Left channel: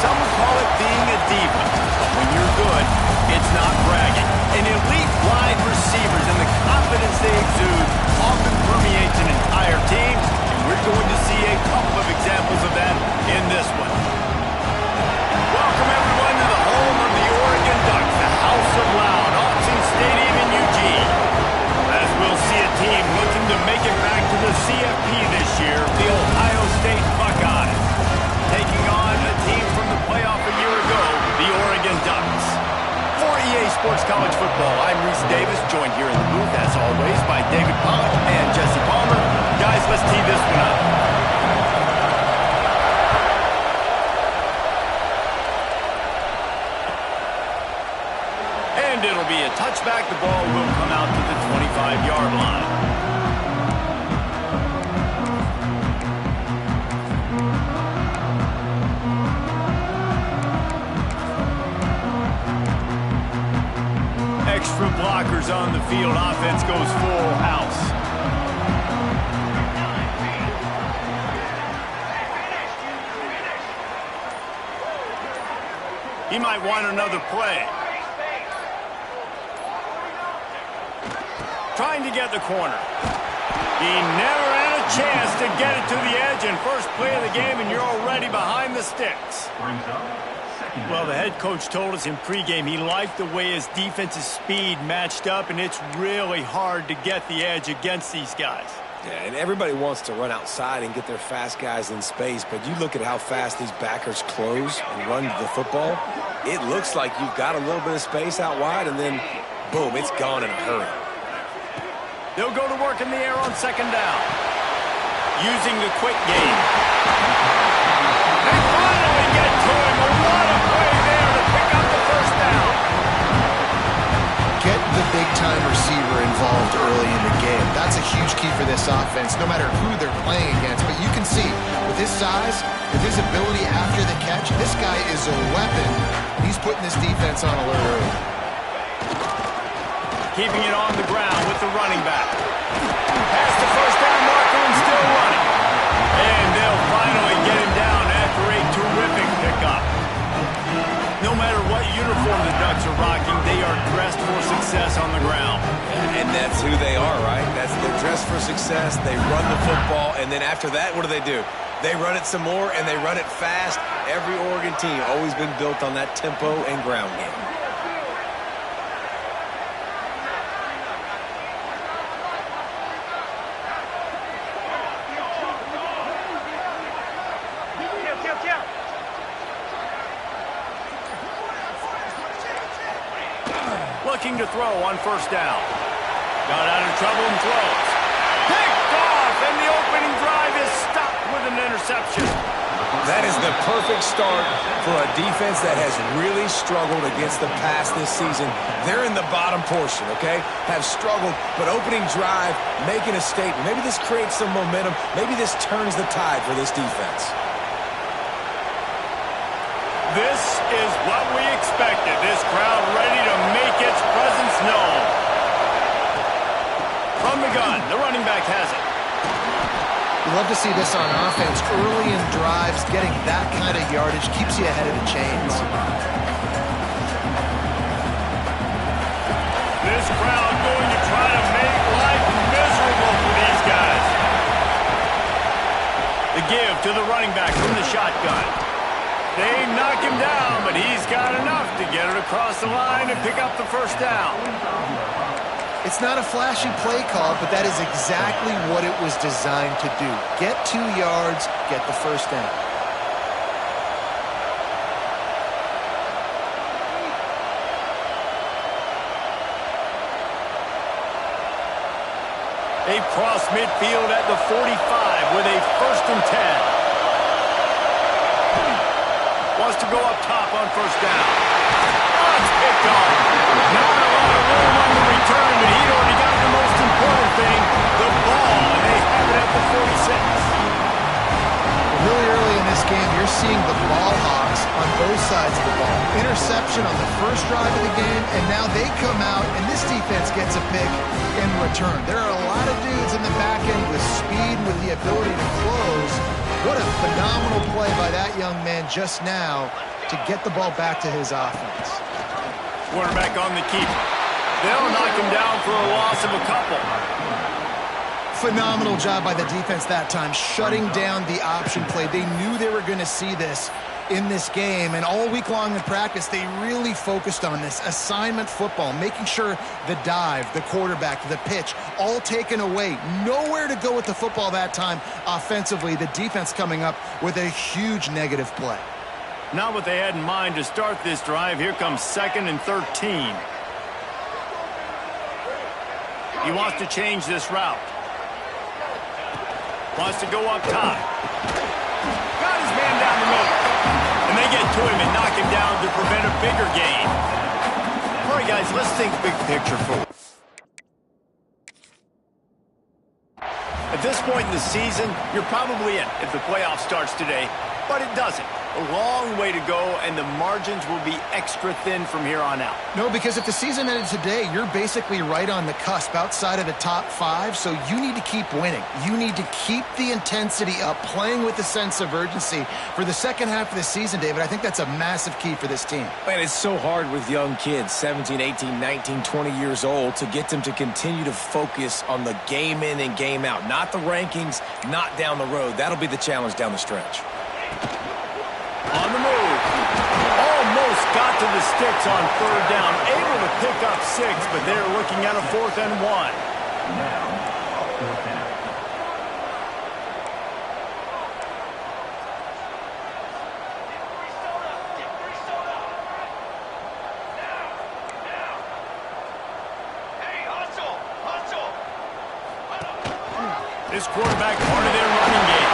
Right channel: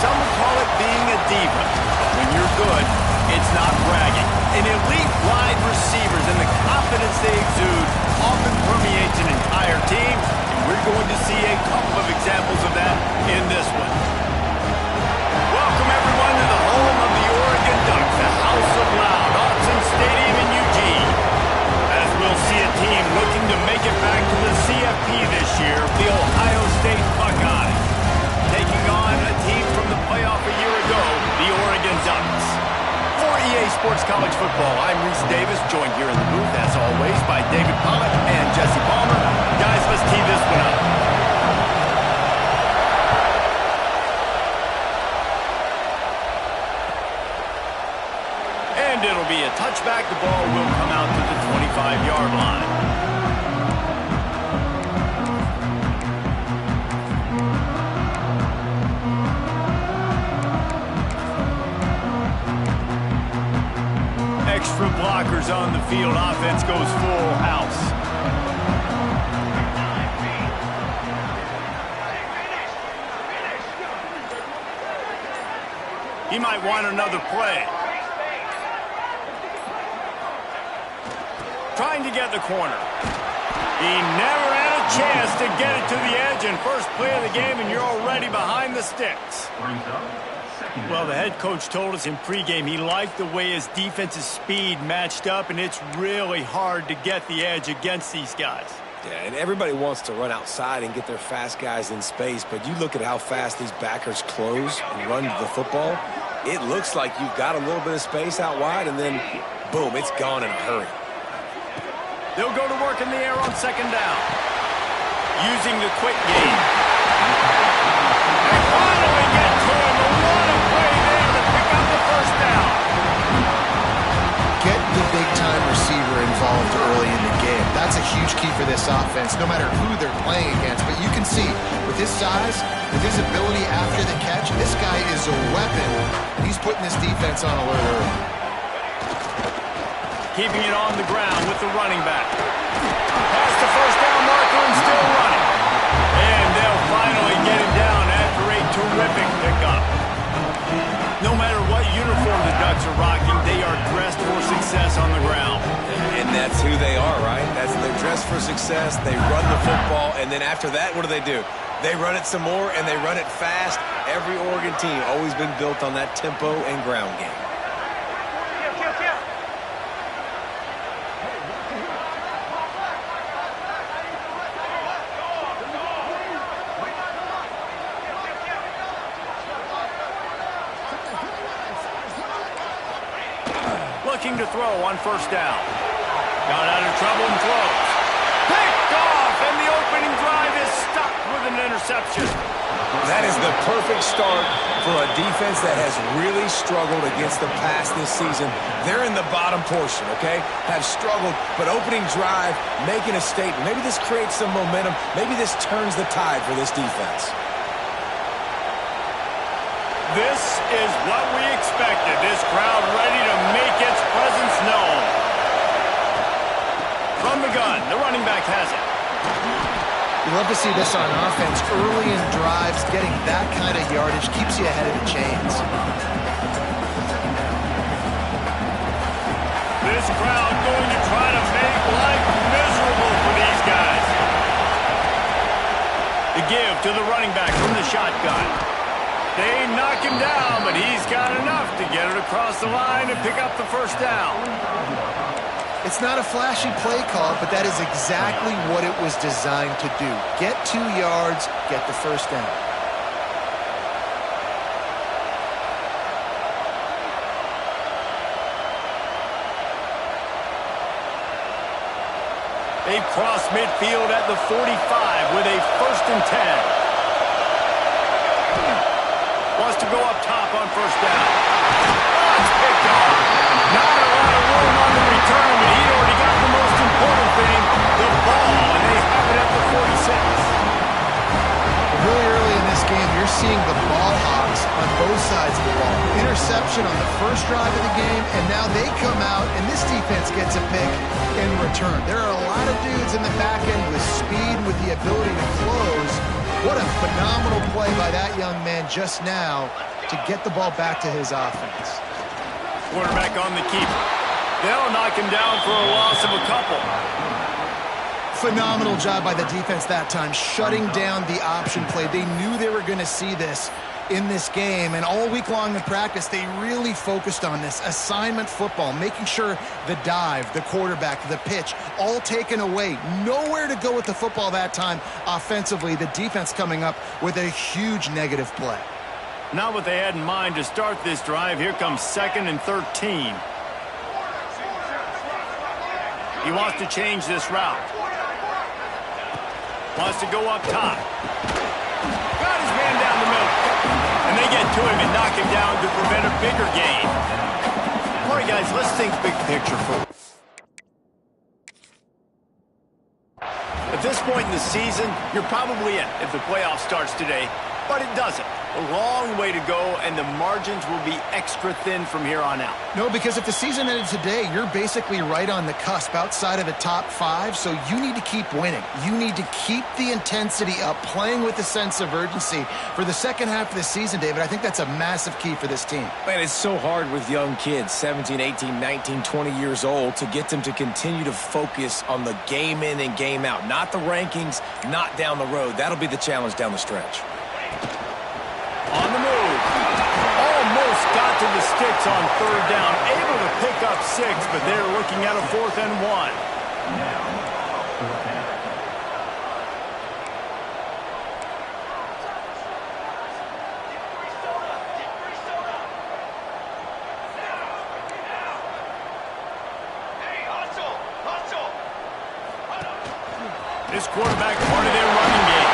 some would call it being a diva. But when you're good, it's not bragging. And elite wide receivers and the confidence they exude often permeates an entire team, and we're going to see a couple of examples of that in this one. Welcome, everyone, to the home of the Oregon Ducks, the House of Loud, Autzen Stadium in Eugene. As we'll see a team looking to make it back to the CFP this year, the Ohio State Buckeyes, taking on a team from the playoff a year ago, the Oregon Ducks. For EA Sports College Football, I'm Reese Davis, joined here in the booth, as always, by David Pollack and Jesse Palmer. Guys, let's tee this one up. And it'll be a touchback. The ball will come out to the 25-yard line. Extra blockers on the field. Offense goes full house. He might want another play. Trying to get the corner. He never had a chance to get it to the edge, and first play of the game, and you're already behind the sticks. Well, the head coach told us in pregame he liked the way his defense's speed matched up, and it's really hard to get the edge against these guys. Yeah, and everybody wants to run outside and get their fast guys in space, but you look at how fast these backers close and run the football, it looks like you've got a little bit of space out wide, and then, boom, it's gone in a hurry. They'll go to work in the air on second down. Using the quick game. They finally get to him. What a play there to pick up the first down. Get the big-time receiver involved early in the game. That's a huge key for this offense, no matter who they're playing against. But you can see, with his size, with his ability after the catch, this guy is a weapon, and he's putting this defense on alert early. Keeping it on the ground with the running back. Past the first down marker and still running. And they'll finally get him down after a terrific pickup. No matter what uniform the Ducks are rocking, they are dressed for success on the ground. And that's who they are, right? They're dressed for success. They run the football, and then after that, what do? They run it some more, and they run it fast. Every Oregon team always been built on that tempo and ground game. Looking to throw on first down. Got out of trouble and throws. Picked off, and the opening drive is stopped with an interception. That is the perfect start for a defense that has really struggled against the pass this season. They're in the bottom portion, okay? Have struggled, but opening drive, making a statement. Maybe this creates some momentum. Maybe this turns the tide for this defense. This is what we expected. This crowd ready to make its presence known. From the gun, the running back has it. You love to see this on offense. Early in drives, getting that kind of yardage keeps you ahead of the chains. This crowd going to try to make life miserable for these guys. The give to the running back from the shotgun. They knock him down, but he's got enough to get it across the line and pick up the first down. It's not a flashy play call, but that is exactly what it was designed to do. Get 2 yards, get the first down. They've crossed midfield at the 45 with a 1st and 10. Wants to go up top on first down. Oh, it's picked off. Not a lot of room on the return, but he'd already got the most important thing, the ball, and they have it at the 46. Really early in this game, you're seeing the ball hawks on both sides of the ball. Interception on the first drive of the game, and now they come out, and this defense gets a pick in return. There are a lot of dudes in the back end with speed, with the ability to close, What a phenomenal play by that young man just now to get the ball back to his offense. Quarterback on the keeper. They'll knock him down for a loss of a couple. Phenomenal job by the defense that time, shutting down the option play. They knew they were going to see this in this game, and all week long in practice, they really focused on this assignment football, making sure the dive, the quarterback, the pitch, all taken away. Nowhere to go with the football that time offensively. The defense coming up with a huge negative play. Not what they had in mind to start this drive. Here comes 2nd and 13. He wants to change this route. Wants to go up top. Got his man down the middle. And they get to him and knock him down to prevent a bigger gain. All right, guys, let's think big picture for. At this point in the season, you're probably in if the playoff starts today, but it doesn't. A long way to go, and the margins will be extra thin from here on out. No, because if the season ended today, you're basically right on the cusp outside of the top 5, so you need to keep winning. You need to keep the intensity up, playing with a sense of urgency. For the second half of the season, David, I think that's a massive key for this team. Man, it's so hard with young kids, 17, 18, 19, 20 years old, to get them to continue to focus on the game in and game out. Not the rankings, not down the road. That'll be the challenge down the stretch. On the move. Almost got to the sticks on 3rd down. Able to pick up 6, but they're looking at a 4th and 1. This quarterback part of their running game.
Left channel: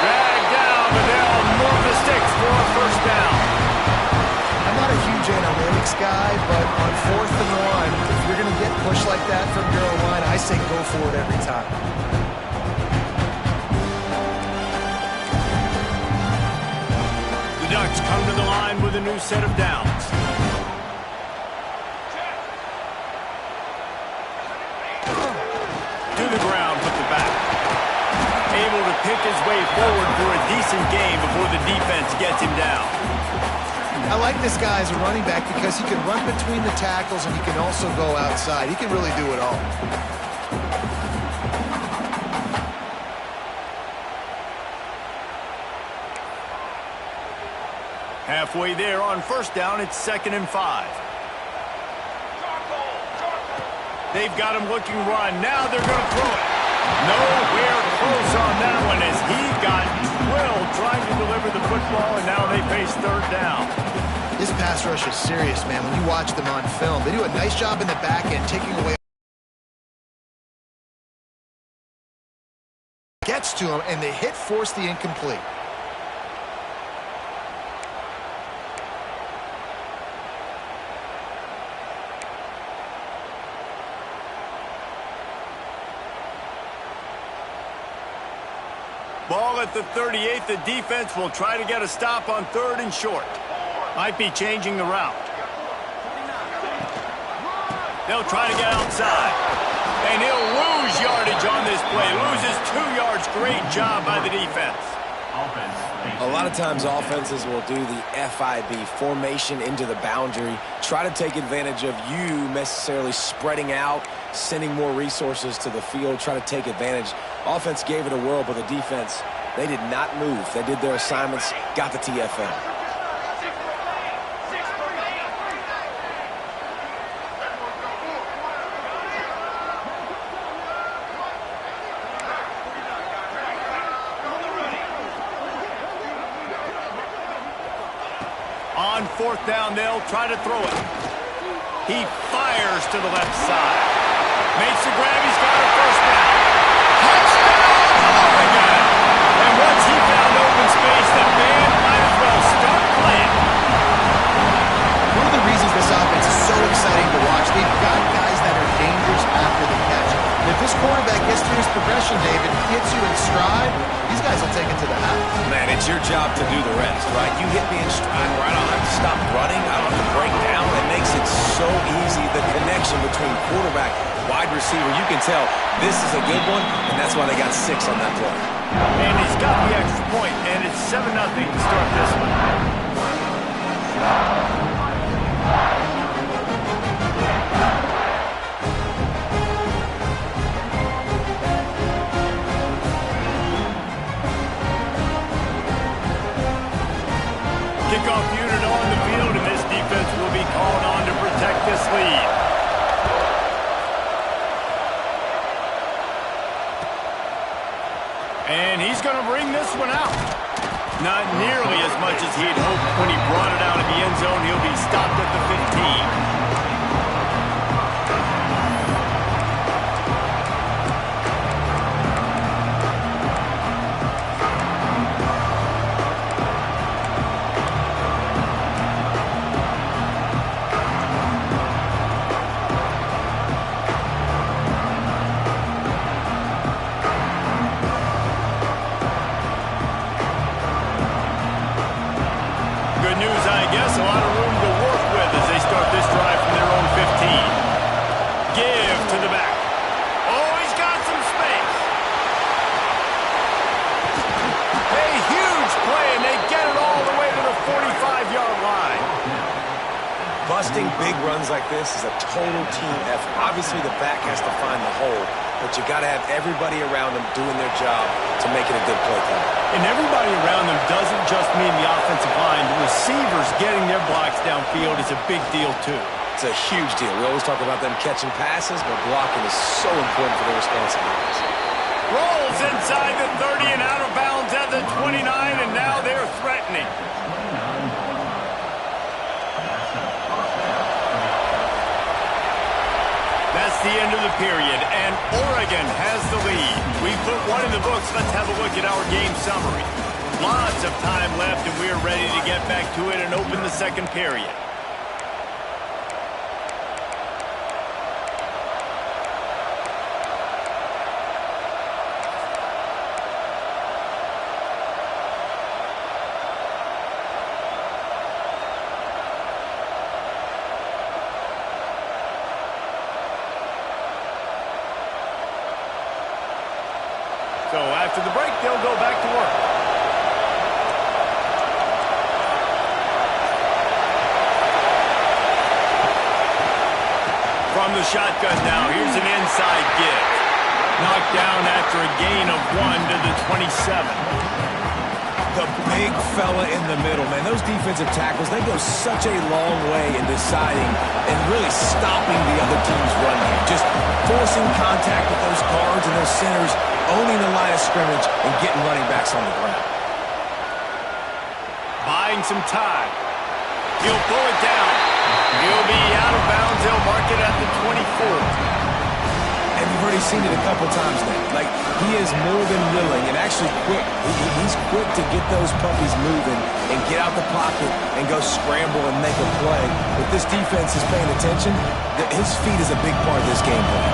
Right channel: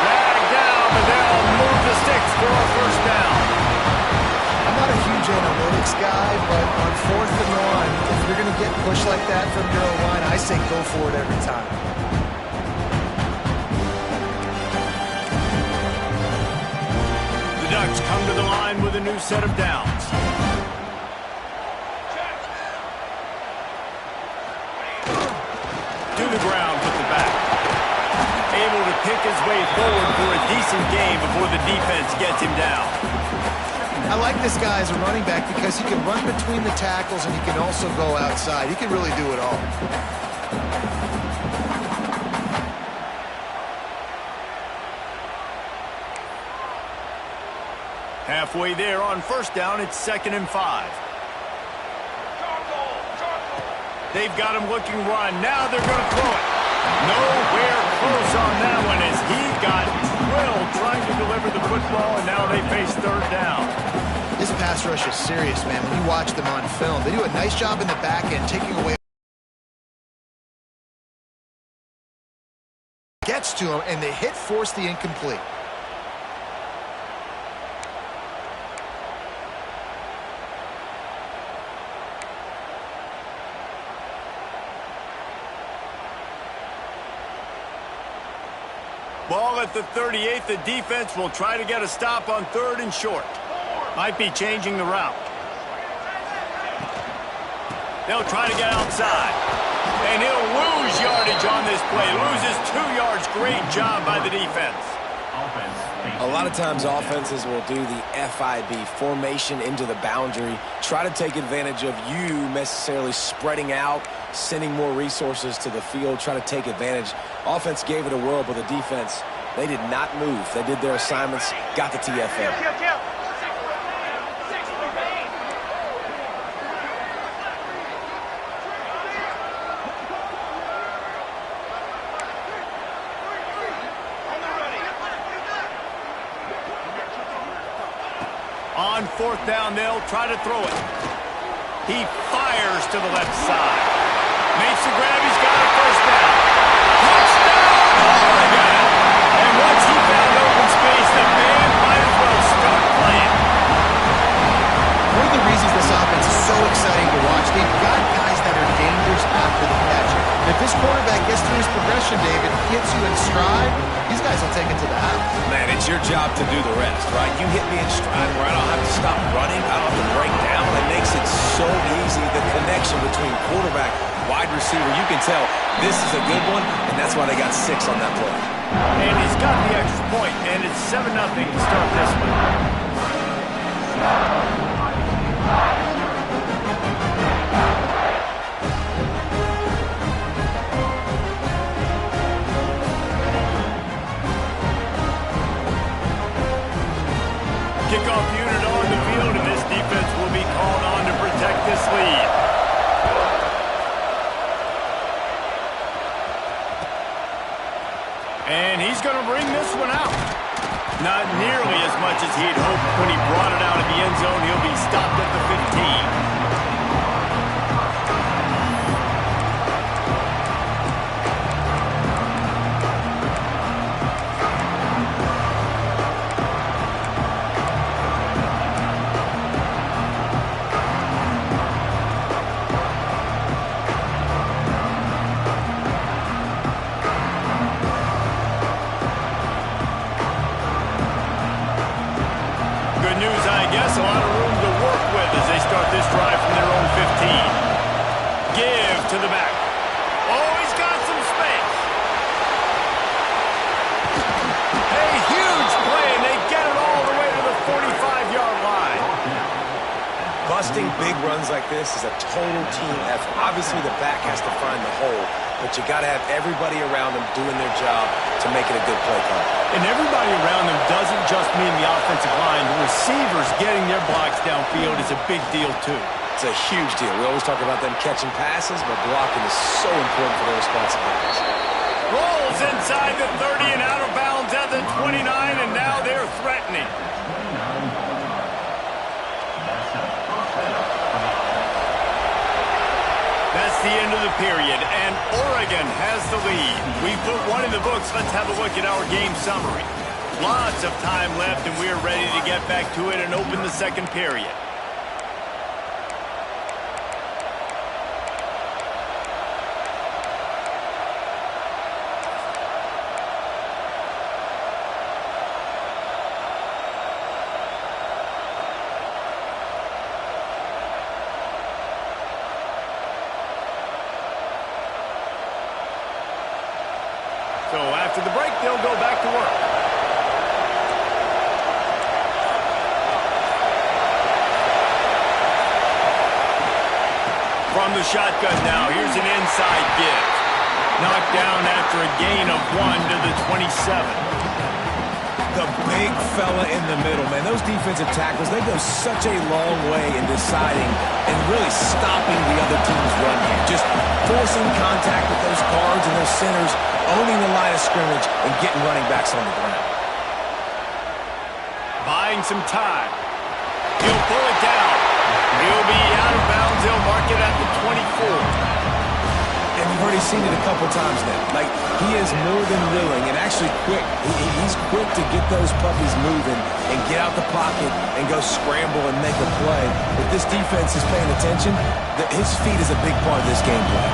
Dragged down, but they'll move the sticks for a 1st down. I'm not a huge analytics guy, but on 4th and 1, if you're going to get pushed like that from your own line, I say go for it every time. The Ducks come to the line with a new set of downs. To the ground with the back. Able to pick his way forward for a decent gain before the defense gets him down. I like this guy as a running back because he can run between the tackles and he can also go outside. He can really do it all. Halfway there on 1st down, it's 2nd and 5. They've got him looking run. Now they're going to throw it. Nowhere close on that one as he got drilled trying to deliver the football, and now they face 3rd down. This pass rush is serious, man. When you watch them on film, they do a nice job in the back end, taking away. Gets to him, and the hit forced the incomplete. Ball at the 38. The defense will try to get a stop on 3rd and short. Might be changing the route. They'll try to get outside. And he'll lose yardage on this play. Loses 2 yards. Great job by the defense. A lot of times offenses will do the FIB, formation into the boundary, try to take advantage of you necessarily spreading out, sending more resources to the field, try to take advantage. Offense gave it a whirl, but the defense, they did not move. They did their assignments, got the TFL. On 4th down, they'll try to throw it. He fires to the left side. Makes the grab. He's got a 1st down. Touchdown, Oregon! And once he found open space, the band might as well start playing. One of the reasons this offense is so exciting to watch, they've got guys that are dangerous after the catch. And if this quarterback gets through his progression, David, gets you in stride, these guys will take it to the house. Man, it's your job to do the rest, right? You hit me in stride where I don't have to stop running. I don't have to break down. It makes it so easy. The connection between quarterback, wide receiver, you can tell this is a good one, and that's why they got 6 on that play. And he's got the extra point, and it's 7-0 to start this one. Kickoff unit on the field, and this defense will be called on to protect this lead. And he's going to bring this one out. Not nearly as much as he'd hoped when he brought it out of the end zone. He'll be stopped at the 15. Good news, I guess. A lot of room to work with as they start this drive from their own 15. Give to the back. Oh, he's got some space. A huge play, and they get it all the way to the 45-yard line. Busting big runs like this is a total team effort. Obviously, the back has to find the hole, but you got to have everybody around them doing their job to make it a good play call. And everybody around them doesn't just mean the offensive line. The receivers getting their blocks downfield is a big deal, too. It's a huge deal. We always talk about them catching passes, but blocking is so important for their responsibilities. Rolls inside the 30 and out of bounds at the 29, and now they're threatening. That's the end of the period, and Oregon has the lead. We've put one in the books. Let's have a look at our game summary. Lots of time left, and we're ready to get back to it and open the second period. So after the break, they'll go back to work. From the shotgun now, here's an inside give. Knocked down after a gain of 1 to the 27. The big fella in the middle, man. Those defensive tackles, they go such a long way in deciding and really stopping the other team's run game. Just forcing contact with those guards and those centers, owning the line of scrimmage, and getting running backs on the ground. Buying some time. He'll pull it down. He'll be out of bounds. They'll mark it at the 24. And you've already seen it a couple times now. Like, he is more than willing and actually quick. He's quick to get those puppies moving and get out the pocket and go scramble and make a play. If this defense is paying attention, his feet is a big part of this game plan.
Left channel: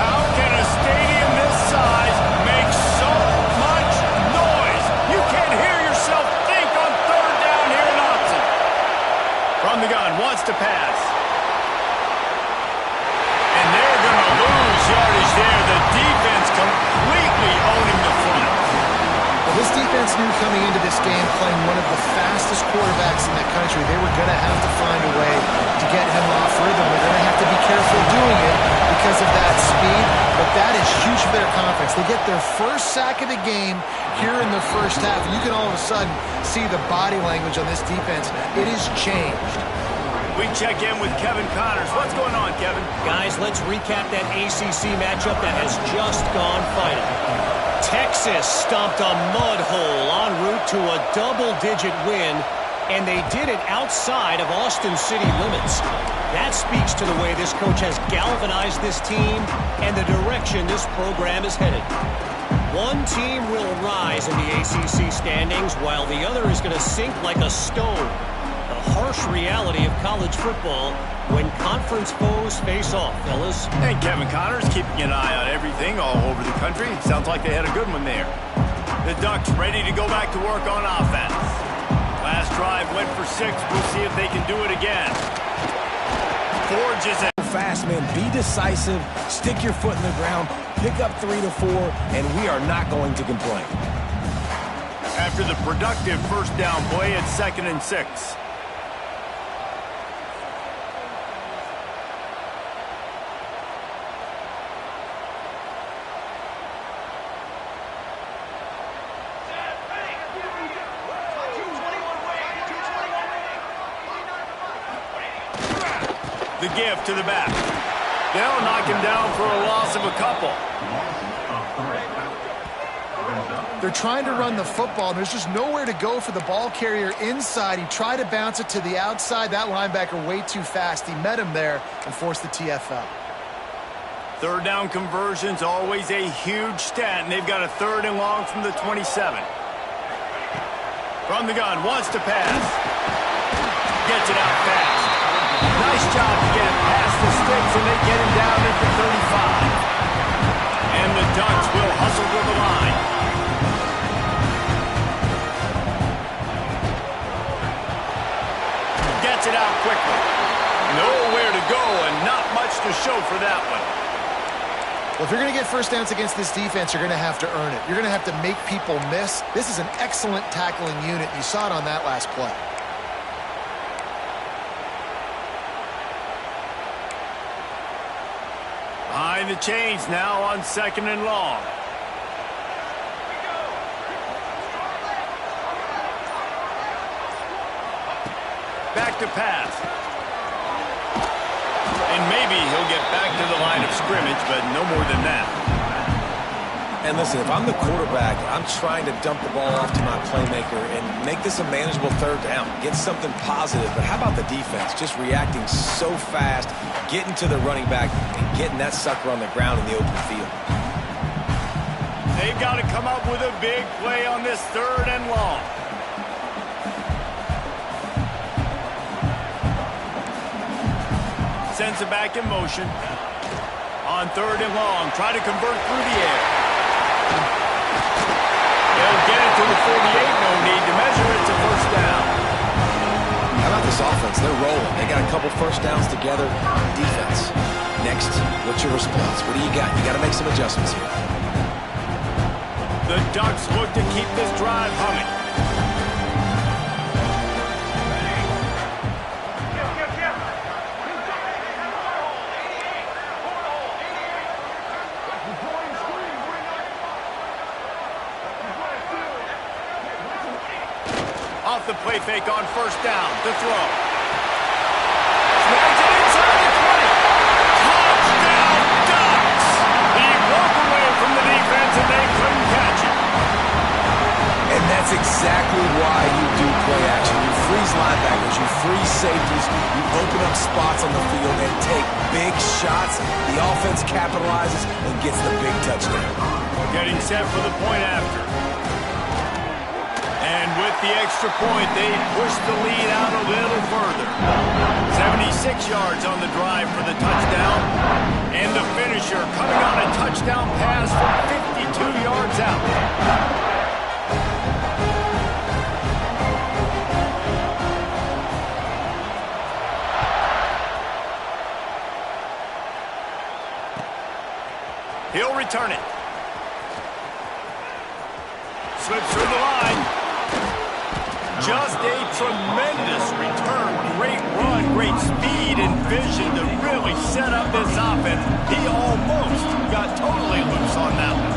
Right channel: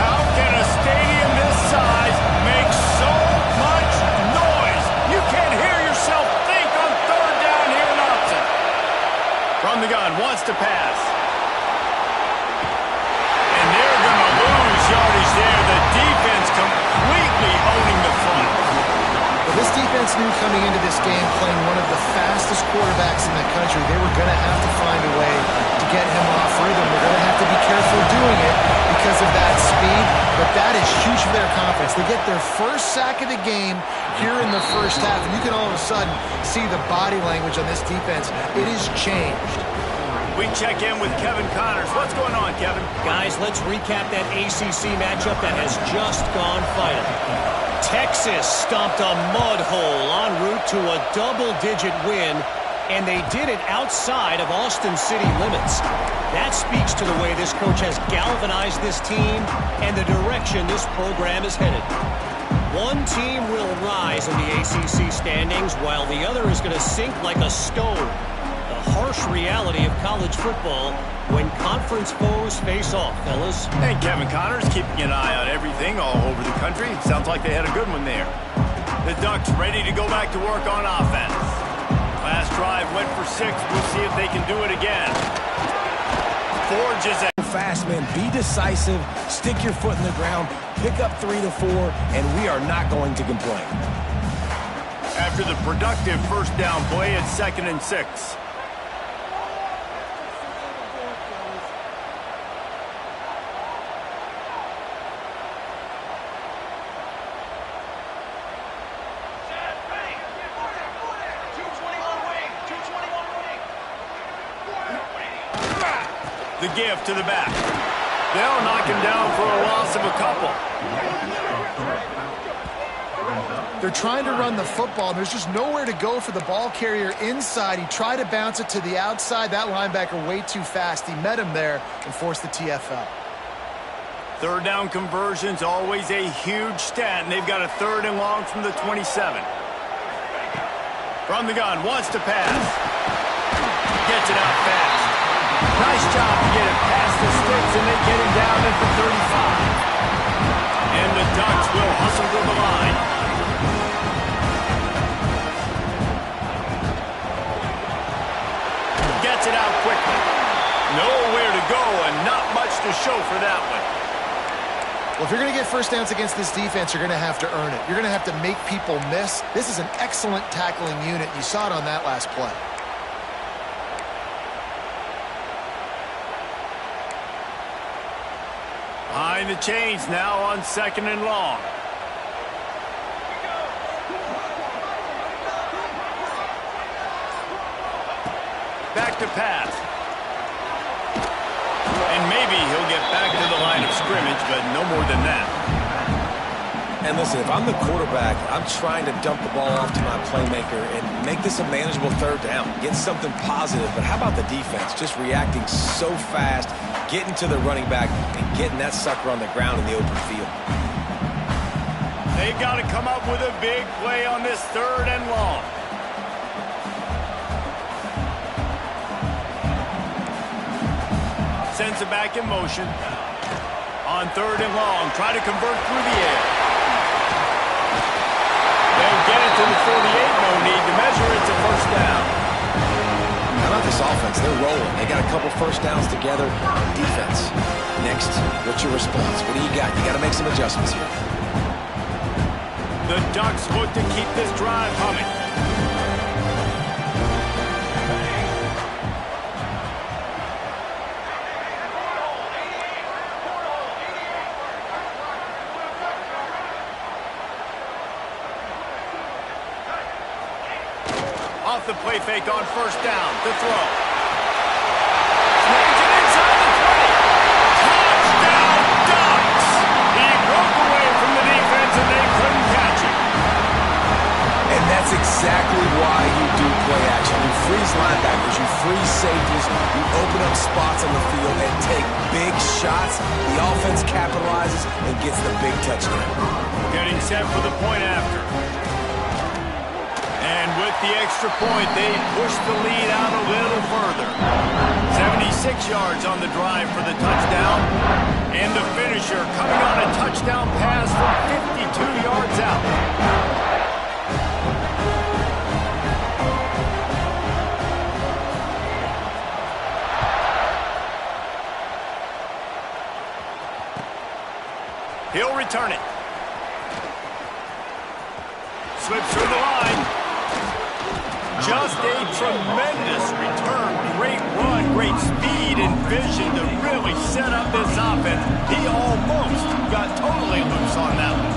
How can a stadium this size make so much noise? You can't hear yourself think on third down here in Austin. From the gun, wants to pass. And they're going to lose yardage there. The defense completely owning the front. Well, this defense knew coming into this game, playing one of the fastest quarterbacks in the country, they were going to have to find a way to get him off rhythm. They're going to have to be careful doing it because of that speed, but that is huge for their confidence. They get their first sack of the game here in the first half, and you can all of a sudden see the body language on this defense. It has changed. We check in with Kevin Connors. What's going on, Kevin? Guys, let's recap that ACC matchup that has just gone final. Texas stomped a mud hole en route to a double-digit win, and they did it outside of Austin city limits. That speaks to the way this coach has galvanized this team and the direction this program is headed. One team will rise in the ACC standings while the other is going to sink like a stone. The harsh reality of college football when conference foes face off, fellas. And Kevin Connors keeping an eye on everything all over the country. Sounds like they had a good one there. The Ducks ready to go back to work on offense. Last drive went for 6. We'll see if they can do it again. Forge is at fast, man. Be decisive. Stick your foot in the ground. pick up 3 to 4, and we are not going to complain. After the productive first down play, it's 2nd and 6. The give to the back. They'll knock him down for a loss of a couple. They're trying to run the football, and there's just nowhere to go for the ball carrier inside. He tried to bounce it to the outside. That linebacker way too fast. He met him there and forced the TFL. Third down conversion's always a huge stat, and they've got a 3rd and long from the 27. From the gun, wants to pass. Gets it out fast. Nice job to get it past the sticks, and they get him down at the 35. And the Ducks will hustle to the line. Gets it out quickly. Nowhere to go and not much to show for that one. Well, if you're going to get first downs against this defense, you're going to have to earn it. You're going to have to make people miss. This is an excellent tackling unit. You saw it on that last play. Behind the chains now on 2nd and long. Back to pass. And maybe he'll get back to the line of scrimmage, but no more than that. And listen, if I'm the quarterback, I'm trying to dump the ball off to my playmaker and make this a manageable 3rd down. Get something positive. But how about the defense? Just reacting so fast, getting to the running back, and getting that sucker on the ground in the open field. They've got to come up with a big play on this 3rd and long. Sends it back in motion. On 3rd and long, try to convert through the air. They'll get it to the 48, no need to measure. It's a 1st down. How about this offense? They're rolling. They got a couple first downs together. Defense. Next, what's your response? What do you got? You got to make some adjustments here. The Ducks look to keep this drive humming. Off the play fake on 1st down. To throw. Snags it inside the 20. Touchdown, Ducks! He broke away from the defense and they couldn't catch him. And that's exactly why you do play action. You freeze linebackers, you freeze safeties, you open up spots on the field and take big shots. The offense capitalizes and gets the big touchdown. Getting set for the point after. And with the extra point, they push the lead out a little further. 76 yards on the drive for the touchdown. And the finisher coming on a touchdown pass from 52 yards out. He'll return it. Slips through the line. Just a tremendous return. Great run, great speed and vision to really set up this offense. He almost got totally loose on that one.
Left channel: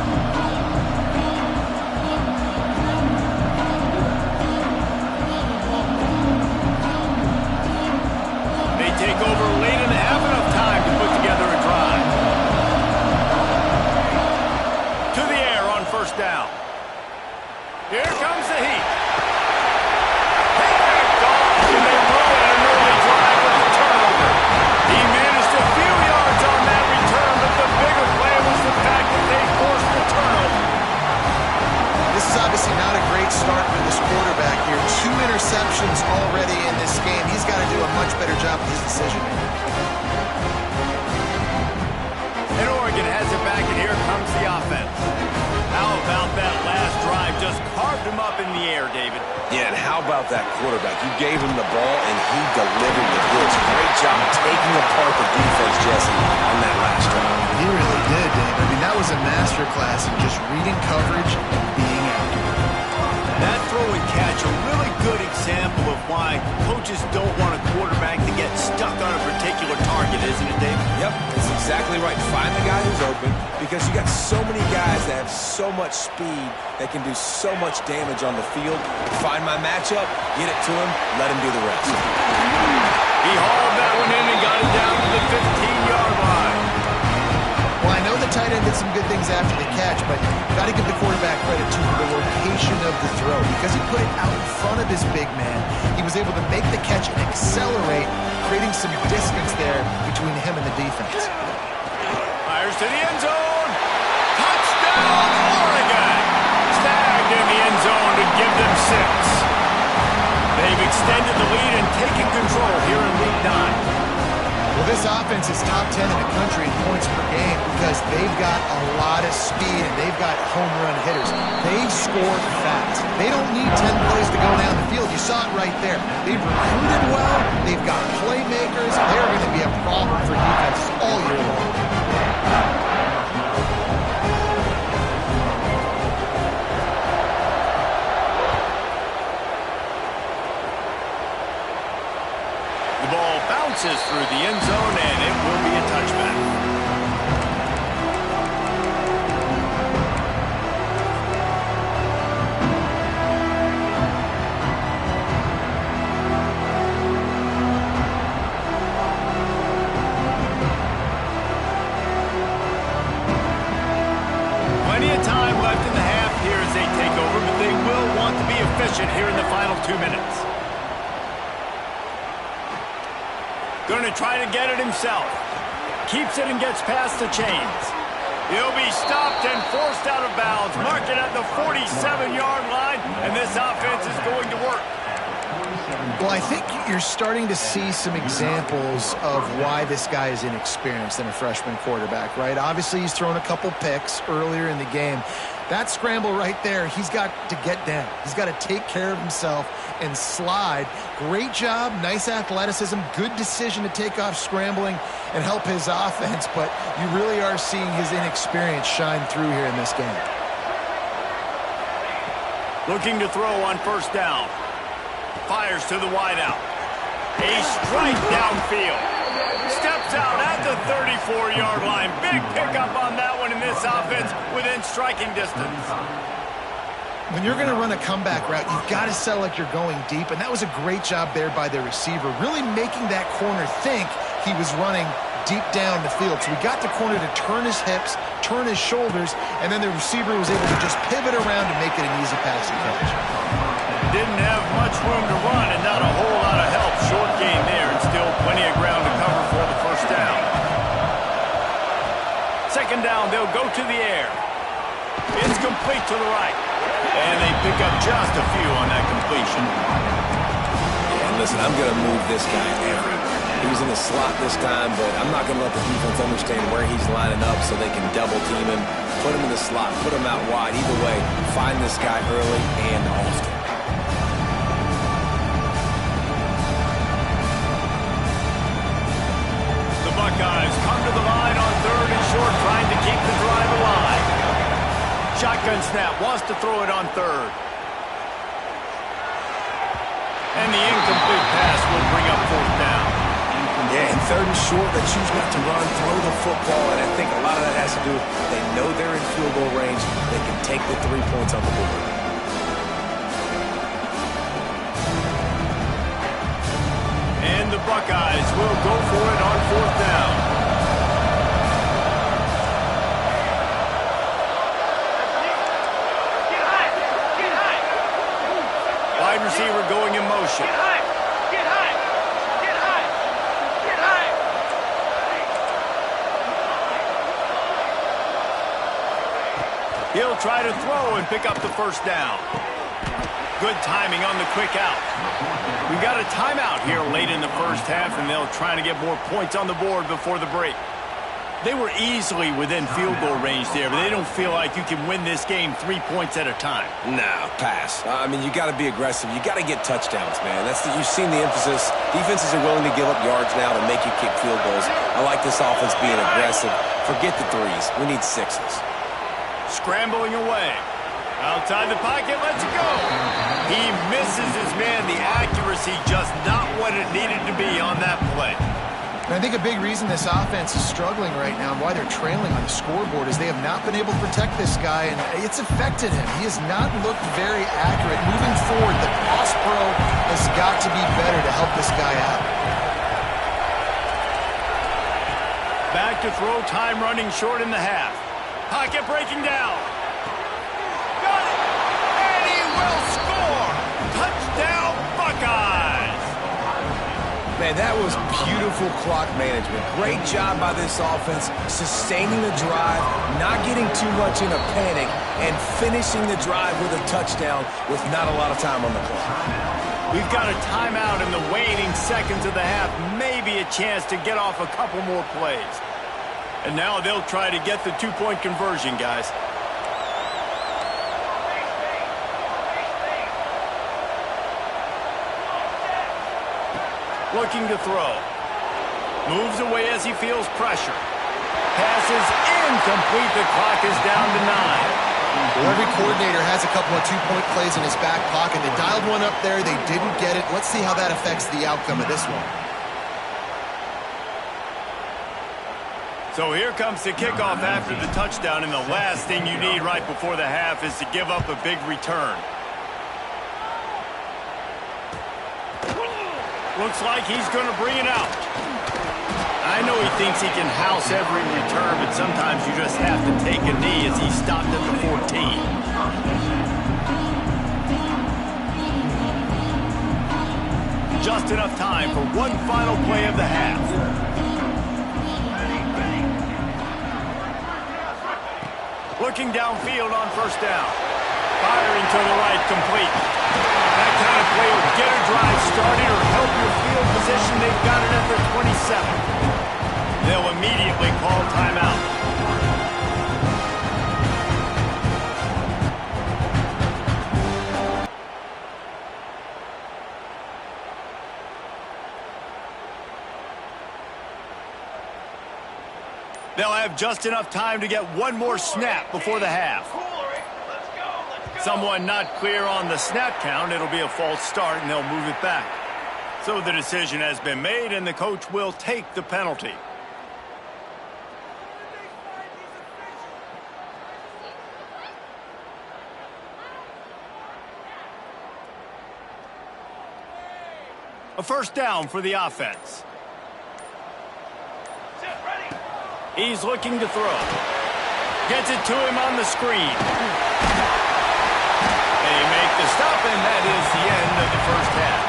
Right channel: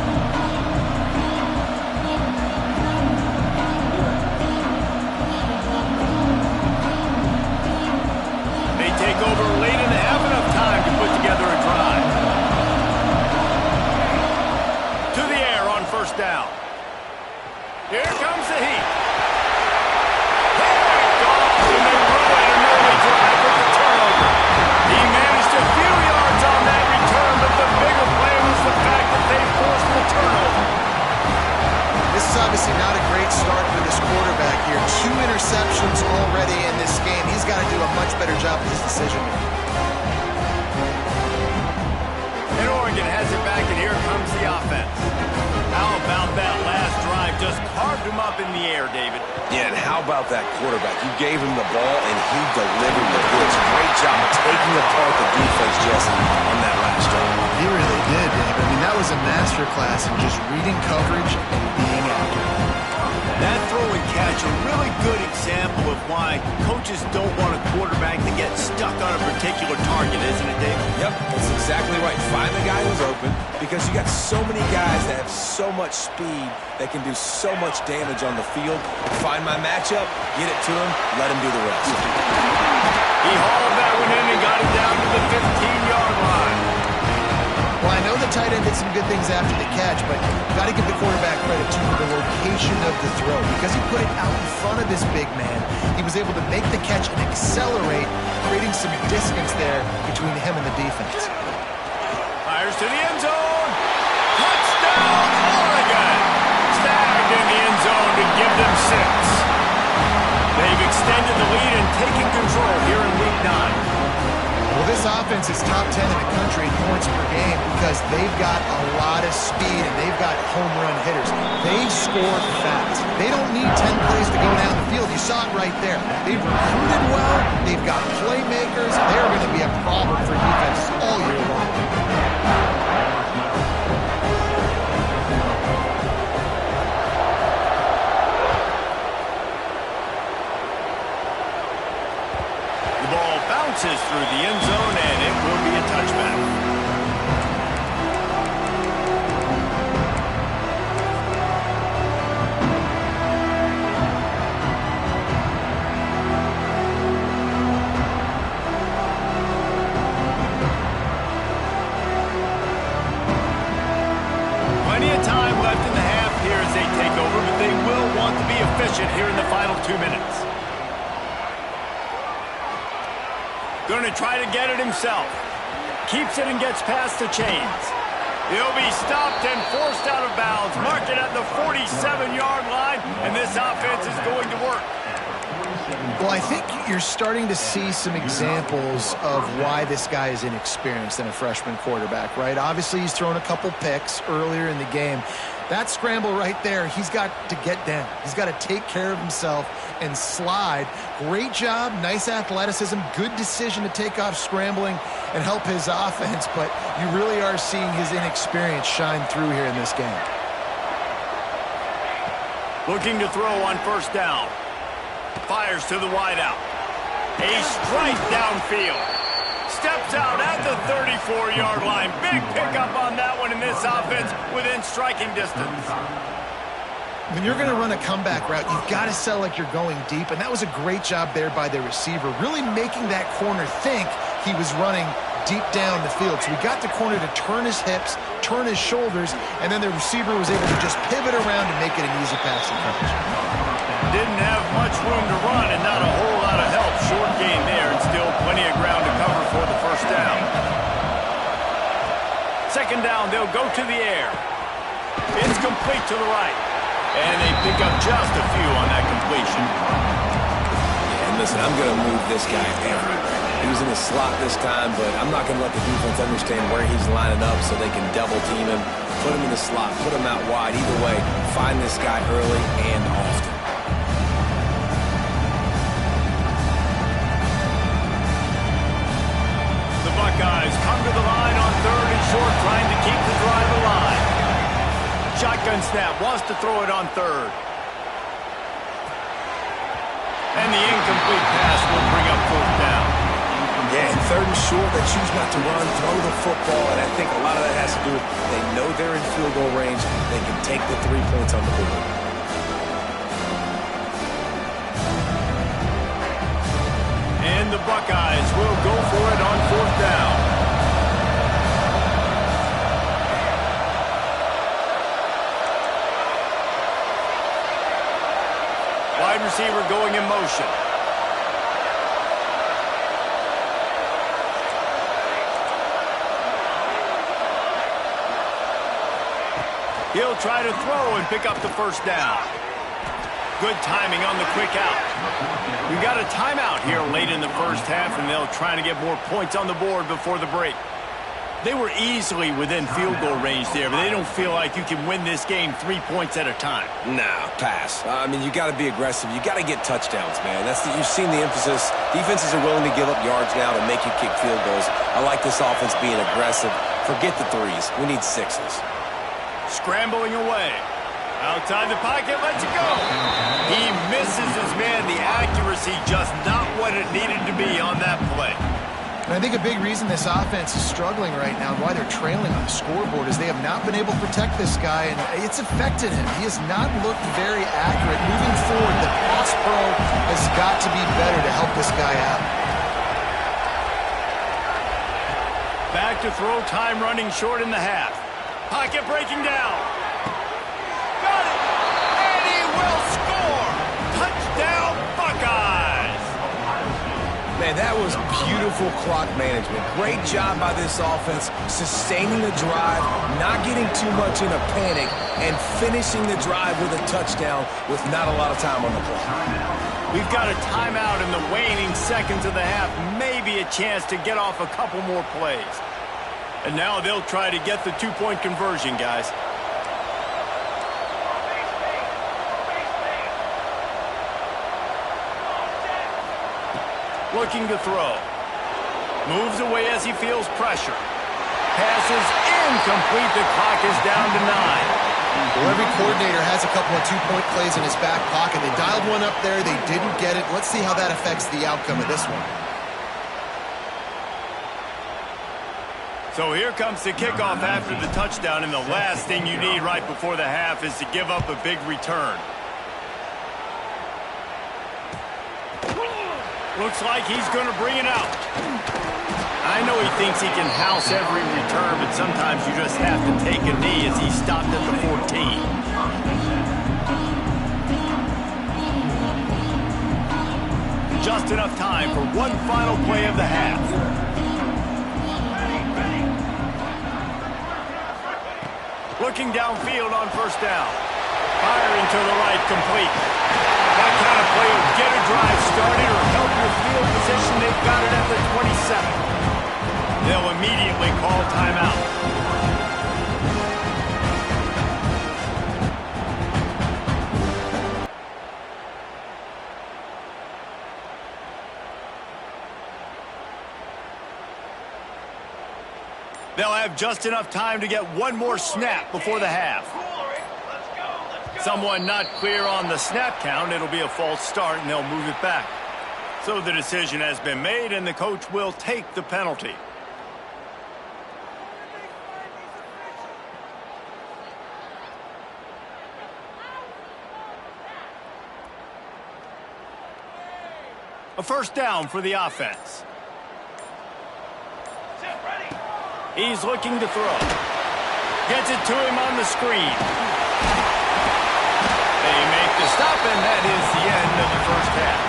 They take over late and have enough time to put together a drive. To the air on 1st down. Here comes the heat. And they ruin an early drive with the turnover. He managed a few yards on that return, but the bigger play was the fact that they forced the turnover. This is obviously not a great start for this quarterback here. 2 interceptions already in this game. He's got to do a much better job with his decision-making. And Oregon has it back, and here comes the offense. How about that last drive? Just carved him up in the air, David. Yeah, and how about that quarterback? You gave him the ball, and he delivered the goods. Great job taking apart the defense, Jesse, on that last drive. He really did, Dave. I mean, that That was a masterclass in just reading coverage and being accurate. That throw and catch a really good example of why coaches don't want a quarterback to get stuck on a particular target, isn't it, Dave? Yep, that's exactly right. Find the guy who's open because you got so many guys that have so much speed that can do so much damage on the field. Find my matchup, get it to him, let him do the rest. He hauled that one in and got it down to the 15-yard line. Well, I know the tight end did some good things after the catch, but you've got to give the quarterback credit, too, for the location of the throw. Because he put it out in front of this big man, he was able to make the catch and accelerate, creating some distance there between him and the defense. Fires to the end zone. Touchdown, Oregon! Snagged in the end zone to give them 6. They've extended the lead and taken control here in Week 9. Well, this offense is top 10 in the country in points per game because they've got a lot of speed and they've got home run hitters. They score fast. They don't need 10 plays to go down the field. You saw it right there. They've recruited well. They've got playmakers. They're going to be a problem for defenses all year long. The ball bounces through the end zone, and it will be a touchback. Plenty of time left in the half here as they take over, but they will want to be efficient here in the final 2 minutes. Going to try to get it himself. Keeps it and gets past the chains. He'll be stopped and forced out of bounds. Marked it at the 47-yard line, and this offense is going to work. Well, I think you're starting to see some examples of why this guy is inexperienced in a freshman quarterback, right? Obviously, he's thrown a couple picks earlier in the game. That scramble right there, he's got to get down. He's got to take care of himself and slide. Great job, nice athleticism, good decision to take off scrambling and help his offense, but you really are seeing his inexperience shine through here in this game. Looking to throw on first down. Fires to the wideout. A strike downfield. Steps out at the 34-yard line. Big pickup on that one in this offense within striking distance. When you're going to run a comeback route, you've got to sell like you're going deep, and that was a great job there by the receiver, really making that corner think he was running deep down the field. So we got the corner to turn his hips, turn his shoulders, and then the receiver was able to just pivot around and make it an easy passing catch. Didn't have much room to run and not a whole lot of help. Short gain there and still plenty of ground to cover for the first down. Second down, they'll go to the air. It's complete to the right. And they pick up just a few on that completion. Yeah, and listen, I'm going to move this guy everywhere. He's in the slot this time, but I'm not going to let the defense understand where he's lining up so they can double team him, put him in the slot, put him out wide. Either way, find this guy early and often. The Buckeyes come to the line on third and short, trying to keep the drive alive. Shotgun snap, wants to throw it on third. And the incomplete pass will bring up fourth down. Yeah, and third and short, they choose not to run, throw the football, and I think a lot of that has to do with they know they're in field goal range. They can take the 3 points on the board. And the Buckeyes will go for it on fourth down. Wide receiver going in motion. He'll try to throw and pick up the first down. Good timing on the quick out. We've got a timeout here late in the first half, and they'll try to get more points on the board before the break. They were easily within field goal range there, but they don't feel like you can win this game 3 points at a time. Nah, pass. I mean, you got to be aggressive. You got to get touchdowns, man. You've seen the emphasis. Defenses are willing to give up yards now to make you kick field goals. I like this offense being aggressive. Forget the threes. We need sixes. Scrambling away. Outside the pocket, lets it go. He misses his man. The accuracy just not what it needed to be on that play. And I think a big reason this offense is struggling right now and why they're trailing on the scoreboard is they have not been able to protect this guy, and it's affected him. He has not looked very accurate. Moving forward, the pass pro has got to be better to help this guy out. Back to throw, time running short in the half. Pocket breaking down. Got it! And he will score! Touchdown, Buckeyes! Man, that was beautiful clock management. Great job by this offense, sustaining the drive, not getting too much in a panic, and finishing the drive with a touchdown with not a lot of time on the clock. We've got a timeout in the waning seconds of the half, maybe a chance to get off a couple more plays. And now they'll try to get the two-point conversion, guys. Looking to throw. Moves away as he feels pressure. Passes incomplete. The clock is down to 9. Well, every coordinator has a couple of two-point plays in his back pocket. They dialed one up there. They didn't get it. Let's see how that affects the outcome of this one. So here comes the kickoff after the touchdown, and the last thing you need right before the half is to give up a big return. Looks like he's going to bring it out. I know he thinks he can house every return, but sometimes you just have to take a knee as he stopped at the 14. Just enough time for one final play of the half. Looking downfield on first down. Firing to the right, complete. That kind of play will get a drive started or help your field position. They've got it at the 27. They'll immediately call timeout. They'll have just enough time to get one more snap before the half. Someone not clear on the snap count. It'll be a false start, and they'll move it back. So the decision has been made, and the coach will take the penalty. A first down for the offense. He's looking to throw. Gets it to him on the screen. They make the stop, and that is the end of the first half.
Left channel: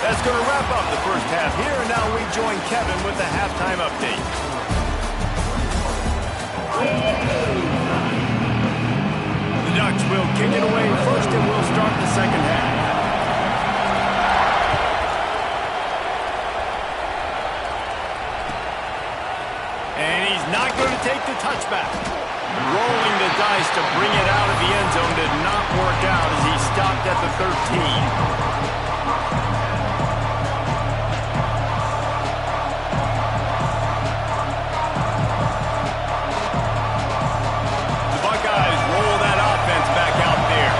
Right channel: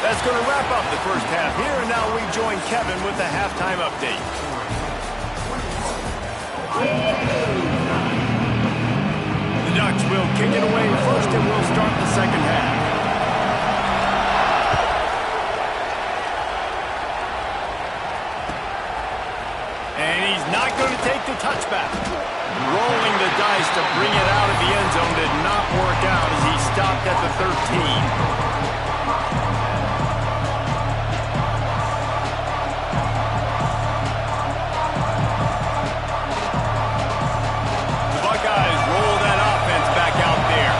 That's going to wrap up the first half here, and now we join Kevin with the halftime update. The Ducks will kick it away first, and we'll start the second half. And he's not going to take the touchback. Rolling the dice to bring it out of the end zone did not work out as he stopped at the 13. Back out there.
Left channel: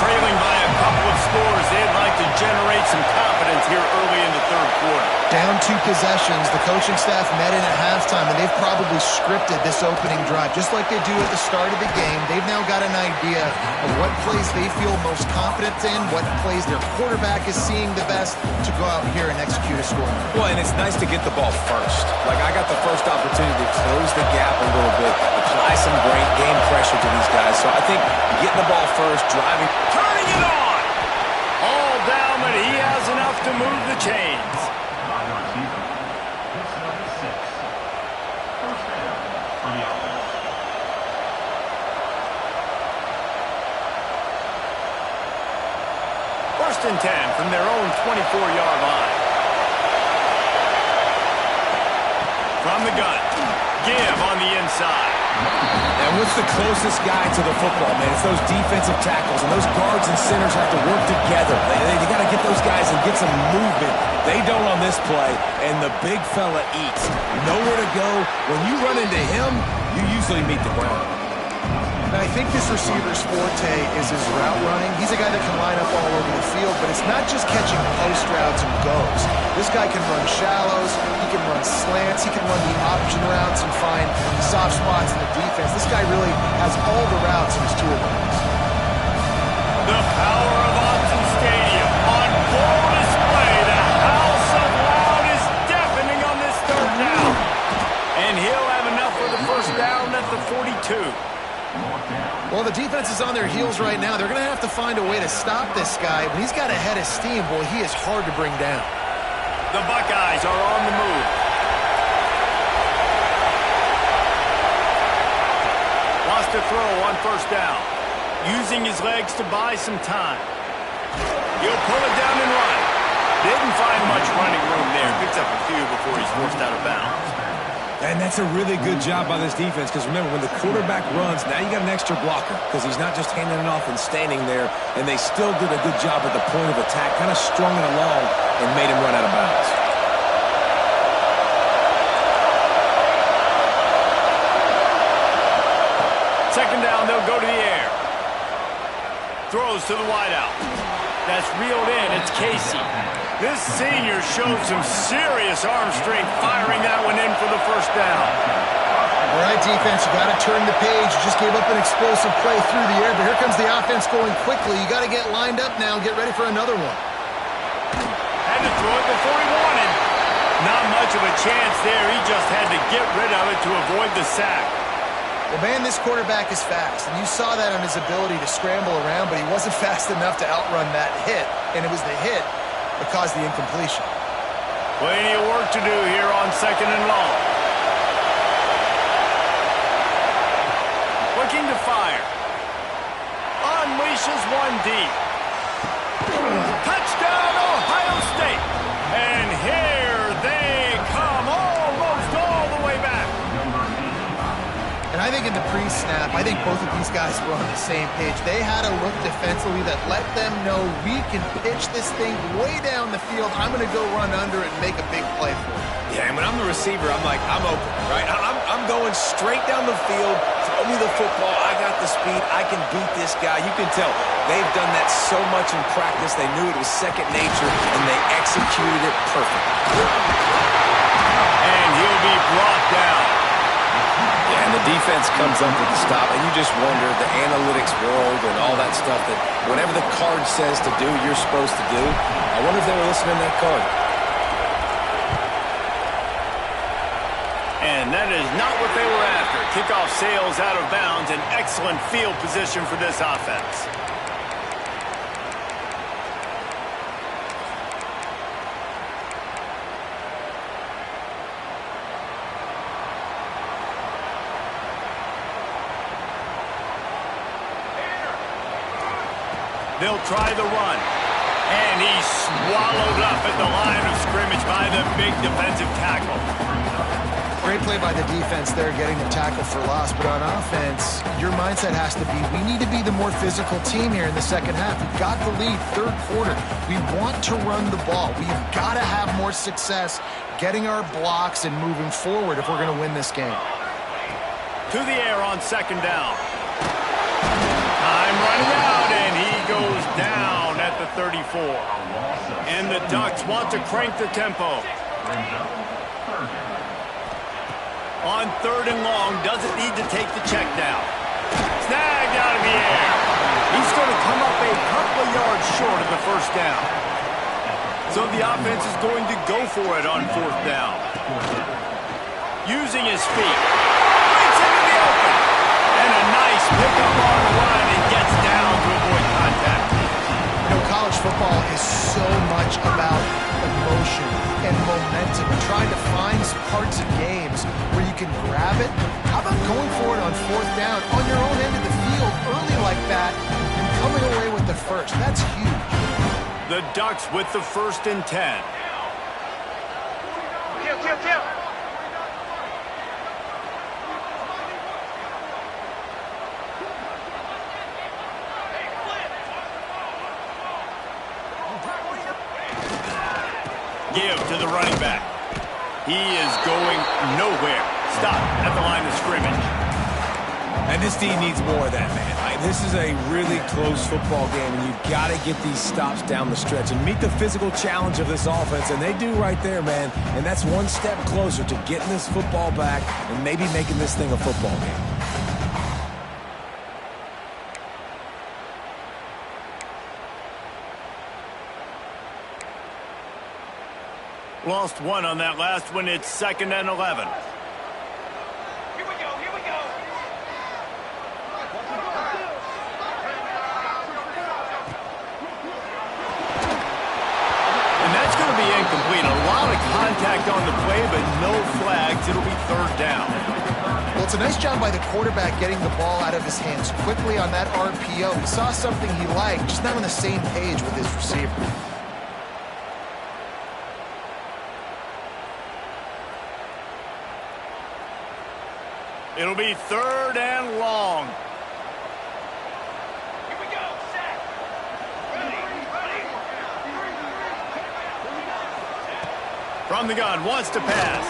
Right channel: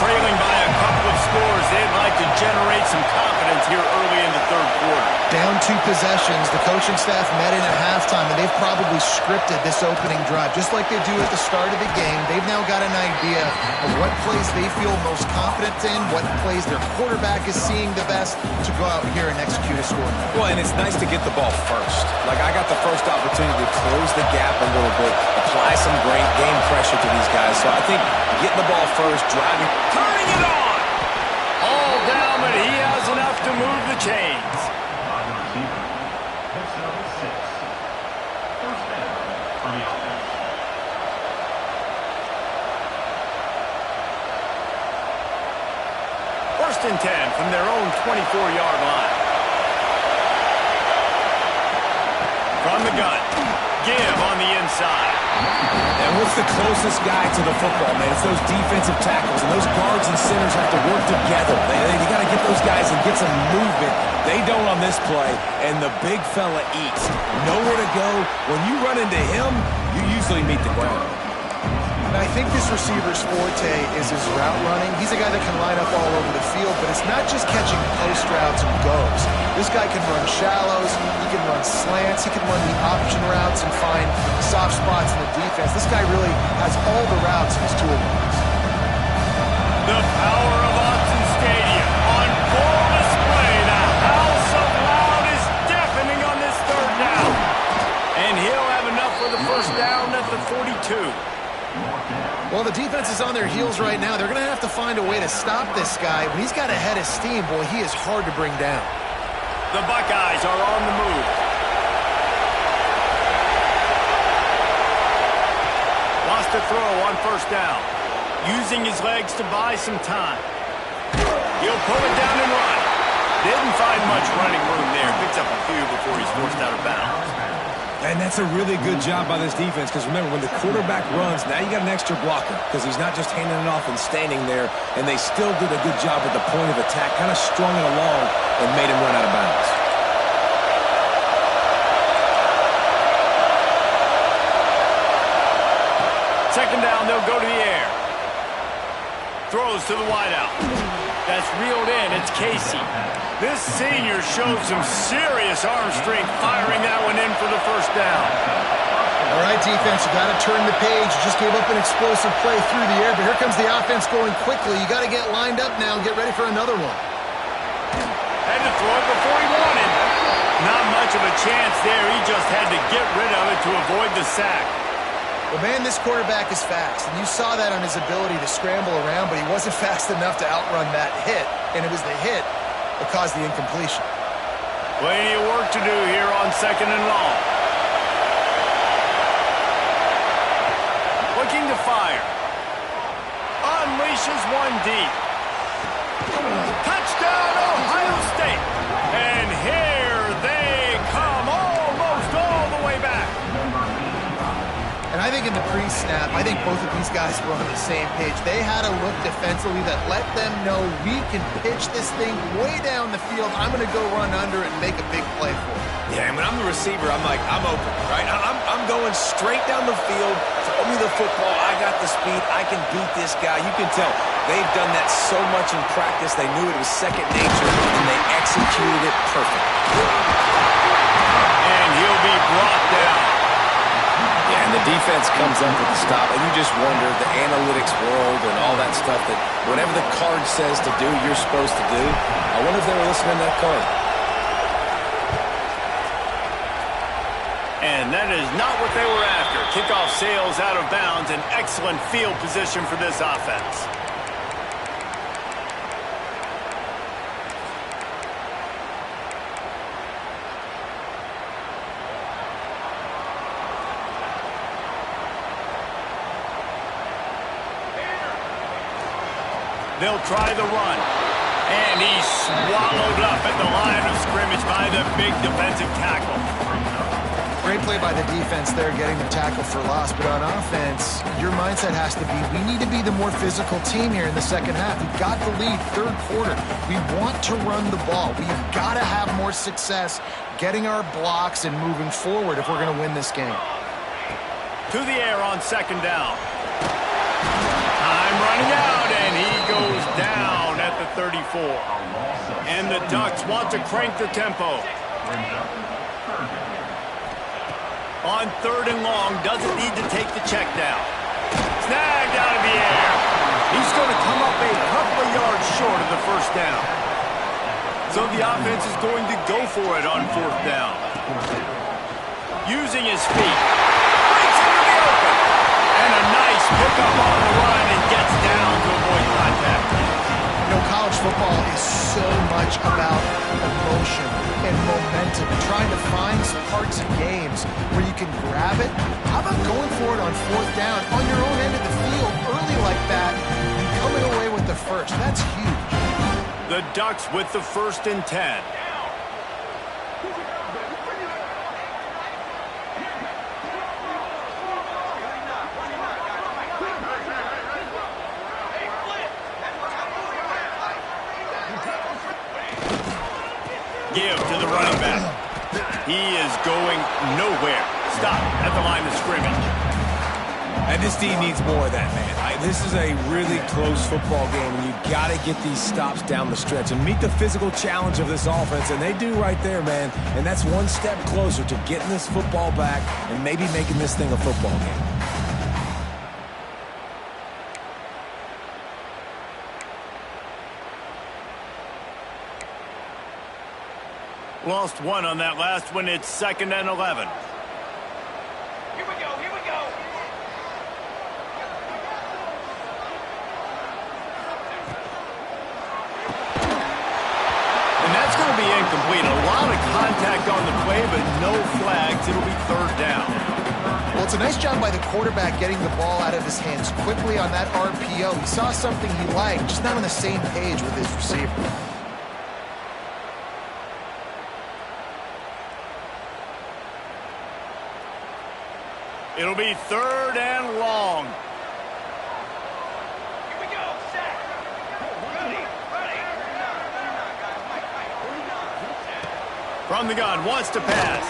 Trailing by a couple of scores, they'd like to generate some confidence here early in the third quarter. Down 2 possessions, the coaching staff met in at halftime, and they've probably scripted this opening drive. Just like they do at the start of the game, they've now got an idea of what plays they feel most confident in, what plays their quarterback is seeing the best to go out here and execute a score. Well, and it's nice to get the ball first. Like, I got the first opportunity to close the gap a little bit, apply some great game pressure to these guys. So I think getting the ball first, driving, turning it on. All down, but he has enough to move the chains. First and 10 from their own 24-yard line. from the gun. Give on the inside. And what's the closest guy to the football, man? It's those defensive tackles, and those guards and centers have to work together. They got to get those guys and get some movement. They don't on this play, and the big fella eats. Nowhere to go. When you run into him, you usually meet the ground. And I think this receiver's forte is his route running. He's a guy that can line up all over the field, but it's not just catching post routes and goes. This guy can run shallows, he can run slants, he can run the option routes and find soft spots in the defense. This guy really has all the routes in his toolbox. The power of Autzen Stadium on full display. The house of loud is deafening on this third down. And he'll have enough for the first down at the 42. Well, the defense is on their heels right now. They're going to have to find a way to stop this guy. When he's got a head of steam, boy, he is hard to bring down. The Buckeyes are on the move. Wants to throw on first down. Using his legs to buy some time. He'll pull it down and run. Didn't find much running room there. Picks up a few before he's forced out of bounds. And that's a really good job by this defense, because remember, when the quarterback runs, now you got an extra blocker, because he's not just handing it off and standing there, and they still did a good job at the point of attack, kind of strung it along and made him run out of bounds. Second down, they'll go to the air. Throws to the wideout. That's reeled in. It's Casey. This senior showed some serious arm strength firing that one in for the first down. All right, defense, you got to turn the page. You just gave up an explosive play through the air, but here comes the offense going quickly. You got to get lined up now and get ready for another one. Had to throw it before he wanted. Not much of a chance there. He just had to get rid of it to avoid the sack. Well, man, this quarterback is fast, and you saw that on his ability to scramble around, but he wasn't fast enough to outrun that hit, and it was the hit that caused the incompletion. Plenty of work to do here on second and long. Looking to fire. Unleashes one deep. Touchdown, Ohio State. And here they come, almost all the way back. And I think in the pre-snap, I think both of these guys were on the same page. They had a look defensively that let them know we can pitch this thing way down the field. I'm going to go run under it and make a big play for it. Yeah, and when I'm the receiver, I'm like, I'm open, right? I'm going straight down the field. Throw me the football. I got the speed. I can beat this guy. You can tell they've done that so much in practice. They knew it was second nature, and they executed it perfect. And he'll be brought down. Yeah, and the defense comes up with the stop, and you just wonder, the analytics world and all that stuff, that whatever the card says to do, you're supposed to do. I wonder if they were listening to that card. And that is not what they were after. Kickoff sails out of bounds, an excellent field position for this offense. They'll try the run. And he's swallowed up at the line of scrimmage by the big defensive tackle. Great play by the defense there, getting the tackle for loss. But on offense, your mindset has to be, we need to be the more physical team here in the second half. We've got the lead, third quarter. We want to run the ball. We've got to have more success getting our blocks and moving forward if we're going to win this game. To the air on second down. Time running out, and he goes down at the 34. And the Ducks want to crank the tempo. On third and long, doesn't need to take the check down. Snagged out of the air. He's going to come up a couple of yards short of the first down. So the offense is going to go for it on fourth down. Using his feet. Breaks into the open. And a nice pickup on the run and gets down to avoid contact. You know, college football is so much about emotion and momentum and trying to find parts of games where you can grab it. How about going for it on fourth down on your own end of the field early like that and coming away with the first? That's huge. The Ducks with the 1st and 10. Give to the running back. He is going nowhere. Stop at the line of scrimmage. And this team needs more of that, man. This is a really close football game, and you've got to get these stops down the stretch and meet the physical challenge of this offense, and they do right there, man. And that's one step closer to getting this football back and maybe making this thing a football game. Lost one on that last one. It's 2nd and 11. Here we go, here we go. And that's going to be incomplete. A lot of contact on the play, but no flags. It'll be 3rd down. Well, it's a nice job by the quarterback getting the ball out of his hands quickly on that RPO. He saw something he liked, just not on the same page with his receiver. It'll be 3rd and long. Here we go, set. Ready, ready. From the gun, wants to pass.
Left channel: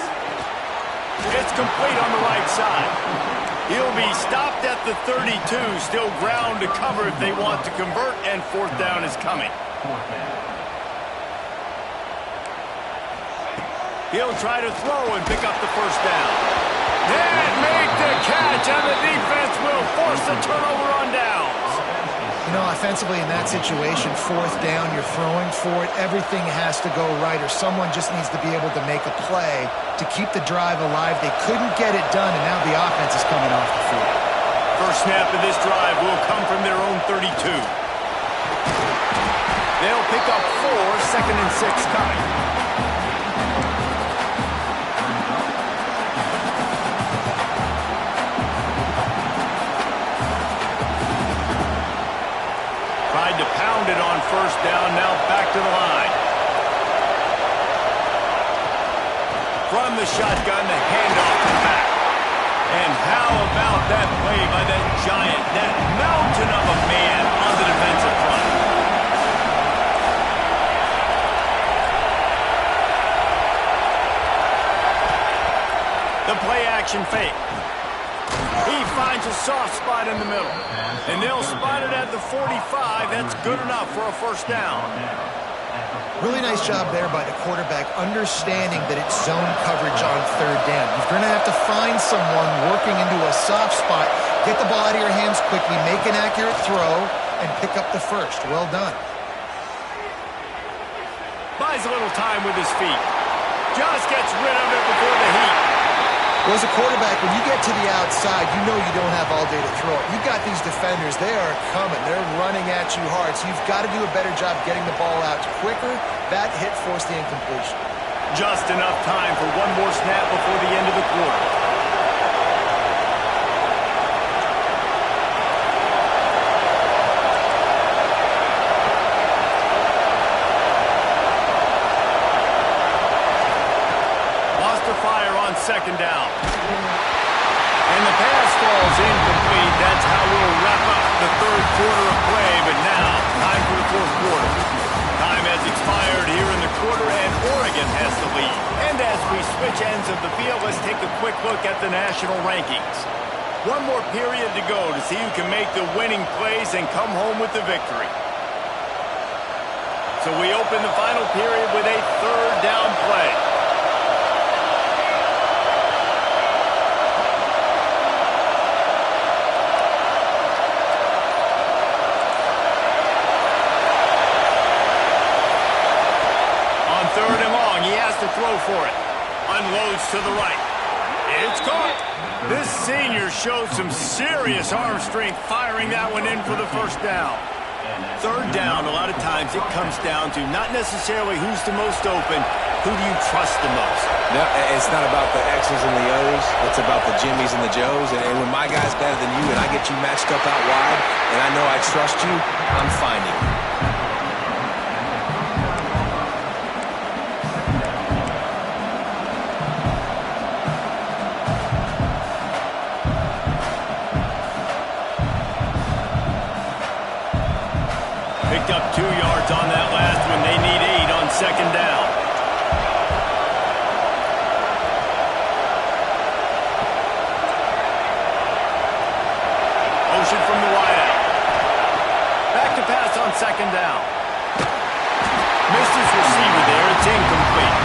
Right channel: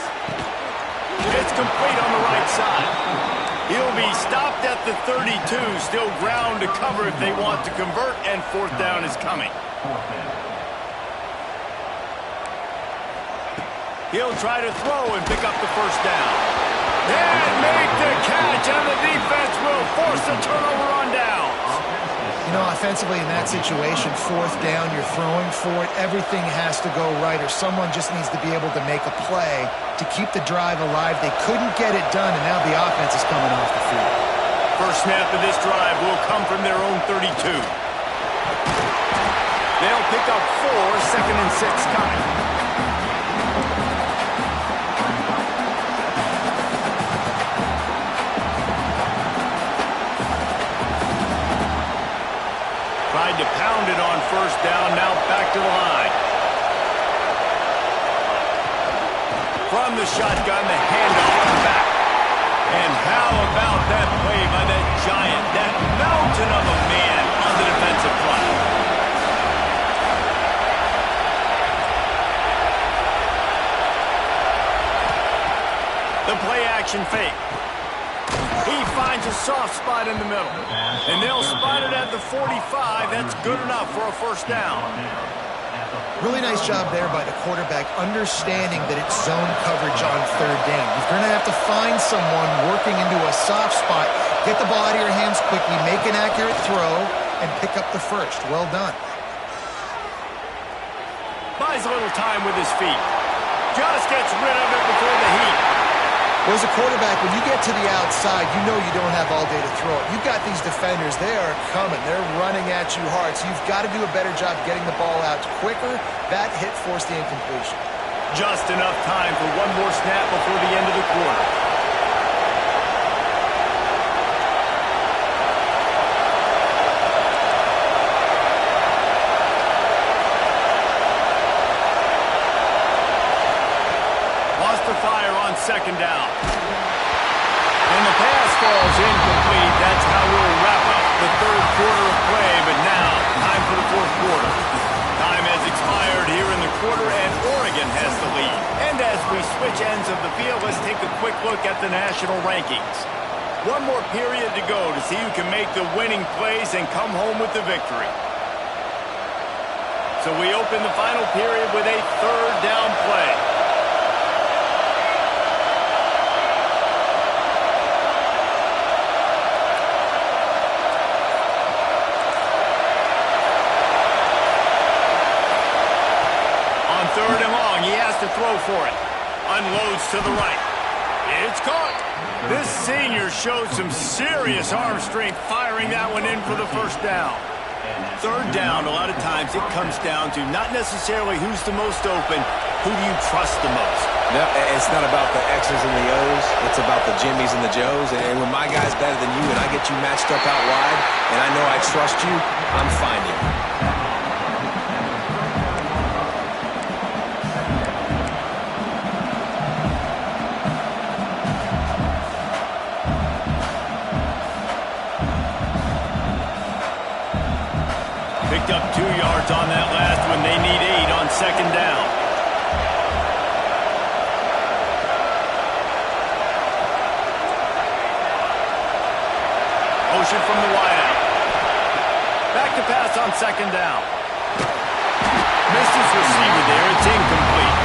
It's complete on the right side. He'll be stopped at the 32. Still ground to cover if they want to convert, and 4th down is coming. He'll try to throw and pick up the 1st down. And make the catch, and the defense will force a turnover on downs. You know, offensively in that situation, 4th down, you're throwing for it. Everything has to go right, or someone just needs to be able to make a play to keep the drive alive. They couldn't get it done, and now the offense is coming off the field. First snap of this drive will come from their own 32. They'll pick up 4, 2nd and 6 coming. Tried to pound it on 1st down, now back to the line. From the shotgun, the handoff to the back. And how about that play by that giant, that mountain of a man on the defensive front? The play action fake. He finds a soft spot in the middle. And they'll spot it at the 45. That's good enough for a 1st down. Really nice job there by the quarterback, understanding that it's zone coverage on 3rd down. You're going to have to find someone working into a soft spot, get the ball out of your hands quickly, make an accurate throw, and pick up the 1st. Well done. Buys a little time with his feet. Just gets rid of it before the heat. Well, as a quarterback, when you get to the outside, you know you don't have all day to throw it. You've got these defenders. They are coming. They're running at you hard. So you've got to do a better job getting the ball out quicker. That hit forced the incompletion. Just enough time for one more snap before the end of the quarter. Fire on 2nd down. And the pass falls incomplete. That's how we'll wrap up the 3rd quarter of play. But now, time for the 4th quarter. Time has expired here in the quarter, and Oregon has the lead. And as we switch ends of the field, let's take a quick look at the national rankings. One more period to go to see who can make the winning plays and come home with the victory. So we open the final period with a 3rd down play. On 3rd and long, he has to throw for it. Unloads to the right. It's caught. This senior showed some serious arm strength firing that one in for the 1st down. 3rd down, a lot of times it comes down to not necessarily who's the most open, who do you trust the most? No, it's not about the X's and the O's. It's about the Jimmys and the Joes. And when my guy's better than you and I get you matched up out wide and I know I trust you, I'm finding you. Picked up 2 yards on that last one. They need 8 on 2nd down. Motion from the wideout. Back to pass on second down. Missed his receiver there. It's incomplete.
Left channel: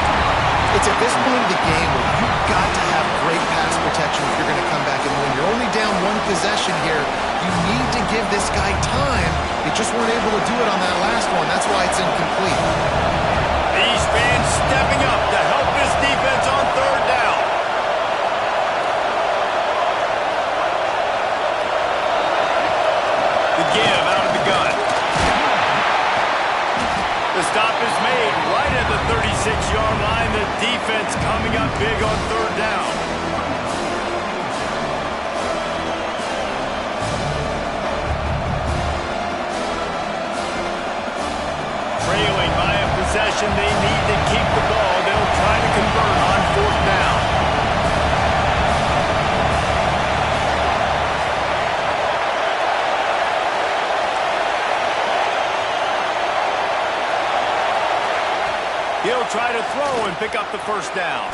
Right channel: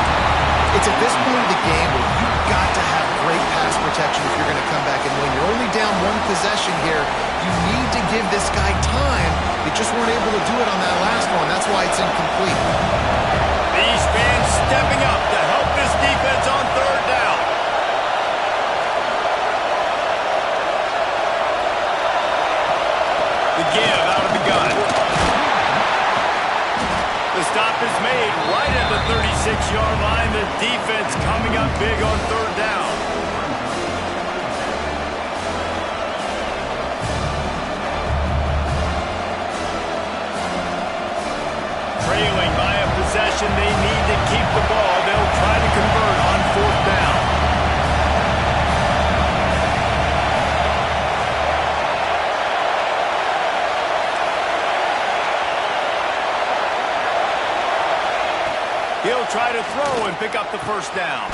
It's at this point of the game where you've got to have great pass protection if you're going to come back and win. You're only down one possession here. You need to give this guy time. They just weren't able to do it on that last one. That's why it's incomplete. These fans stepping up to help this defense on third down. The give out of the gun. The stop is made right at the 36-yard line. The defense coming up big on third down. Trailing by a possession, they need to keep the ball. They'll try to convert on fourth down. He'll try to throw and pick up the first down.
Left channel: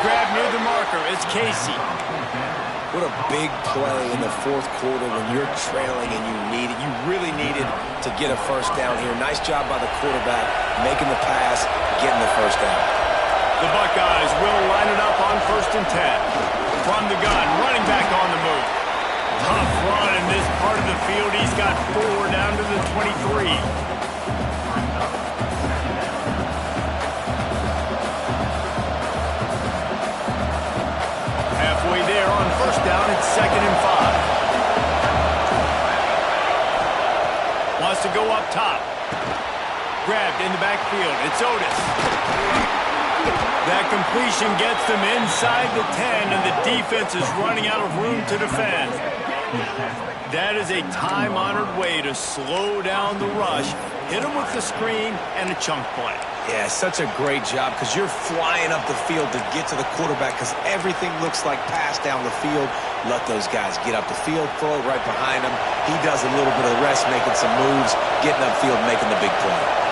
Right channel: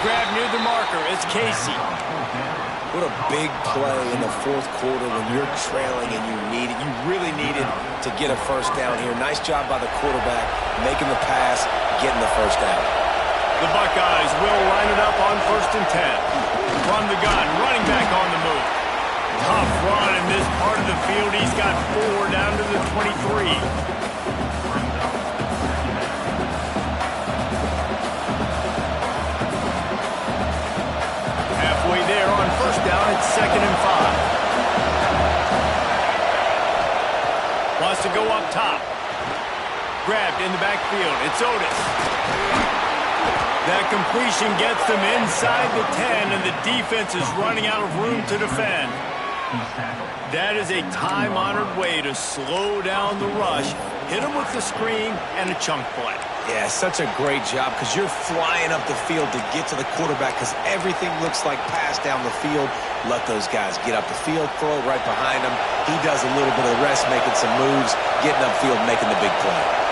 Grab near the marker. It's Casey. What a big play in the fourth quarter when you're trailing and you really needed to get a first down here. Nice job by the quarterback making the pass, getting the first down. The Buckeyes will line it up on 1st and 10. From the gun, running back on the move. Tough run in this part of the field. He's got 4 down to the 23. Halfway there on first down, it's 2nd and 5. Wants to go up top. Grabbed in the backfield. It's Otis. That completion gets them inside the 10, and the defense is running out of room to defend. That is a time-honored way to slow down the rush, hit them with the screen, and a chunk play. Yeah, such a great job because you're flying up the field to get to the quarterback because everything looks like pass down the field. Let those guys get up the field, throw it right behind him. He does a little bit of the rest, making some moves, getting upfield, making the big play.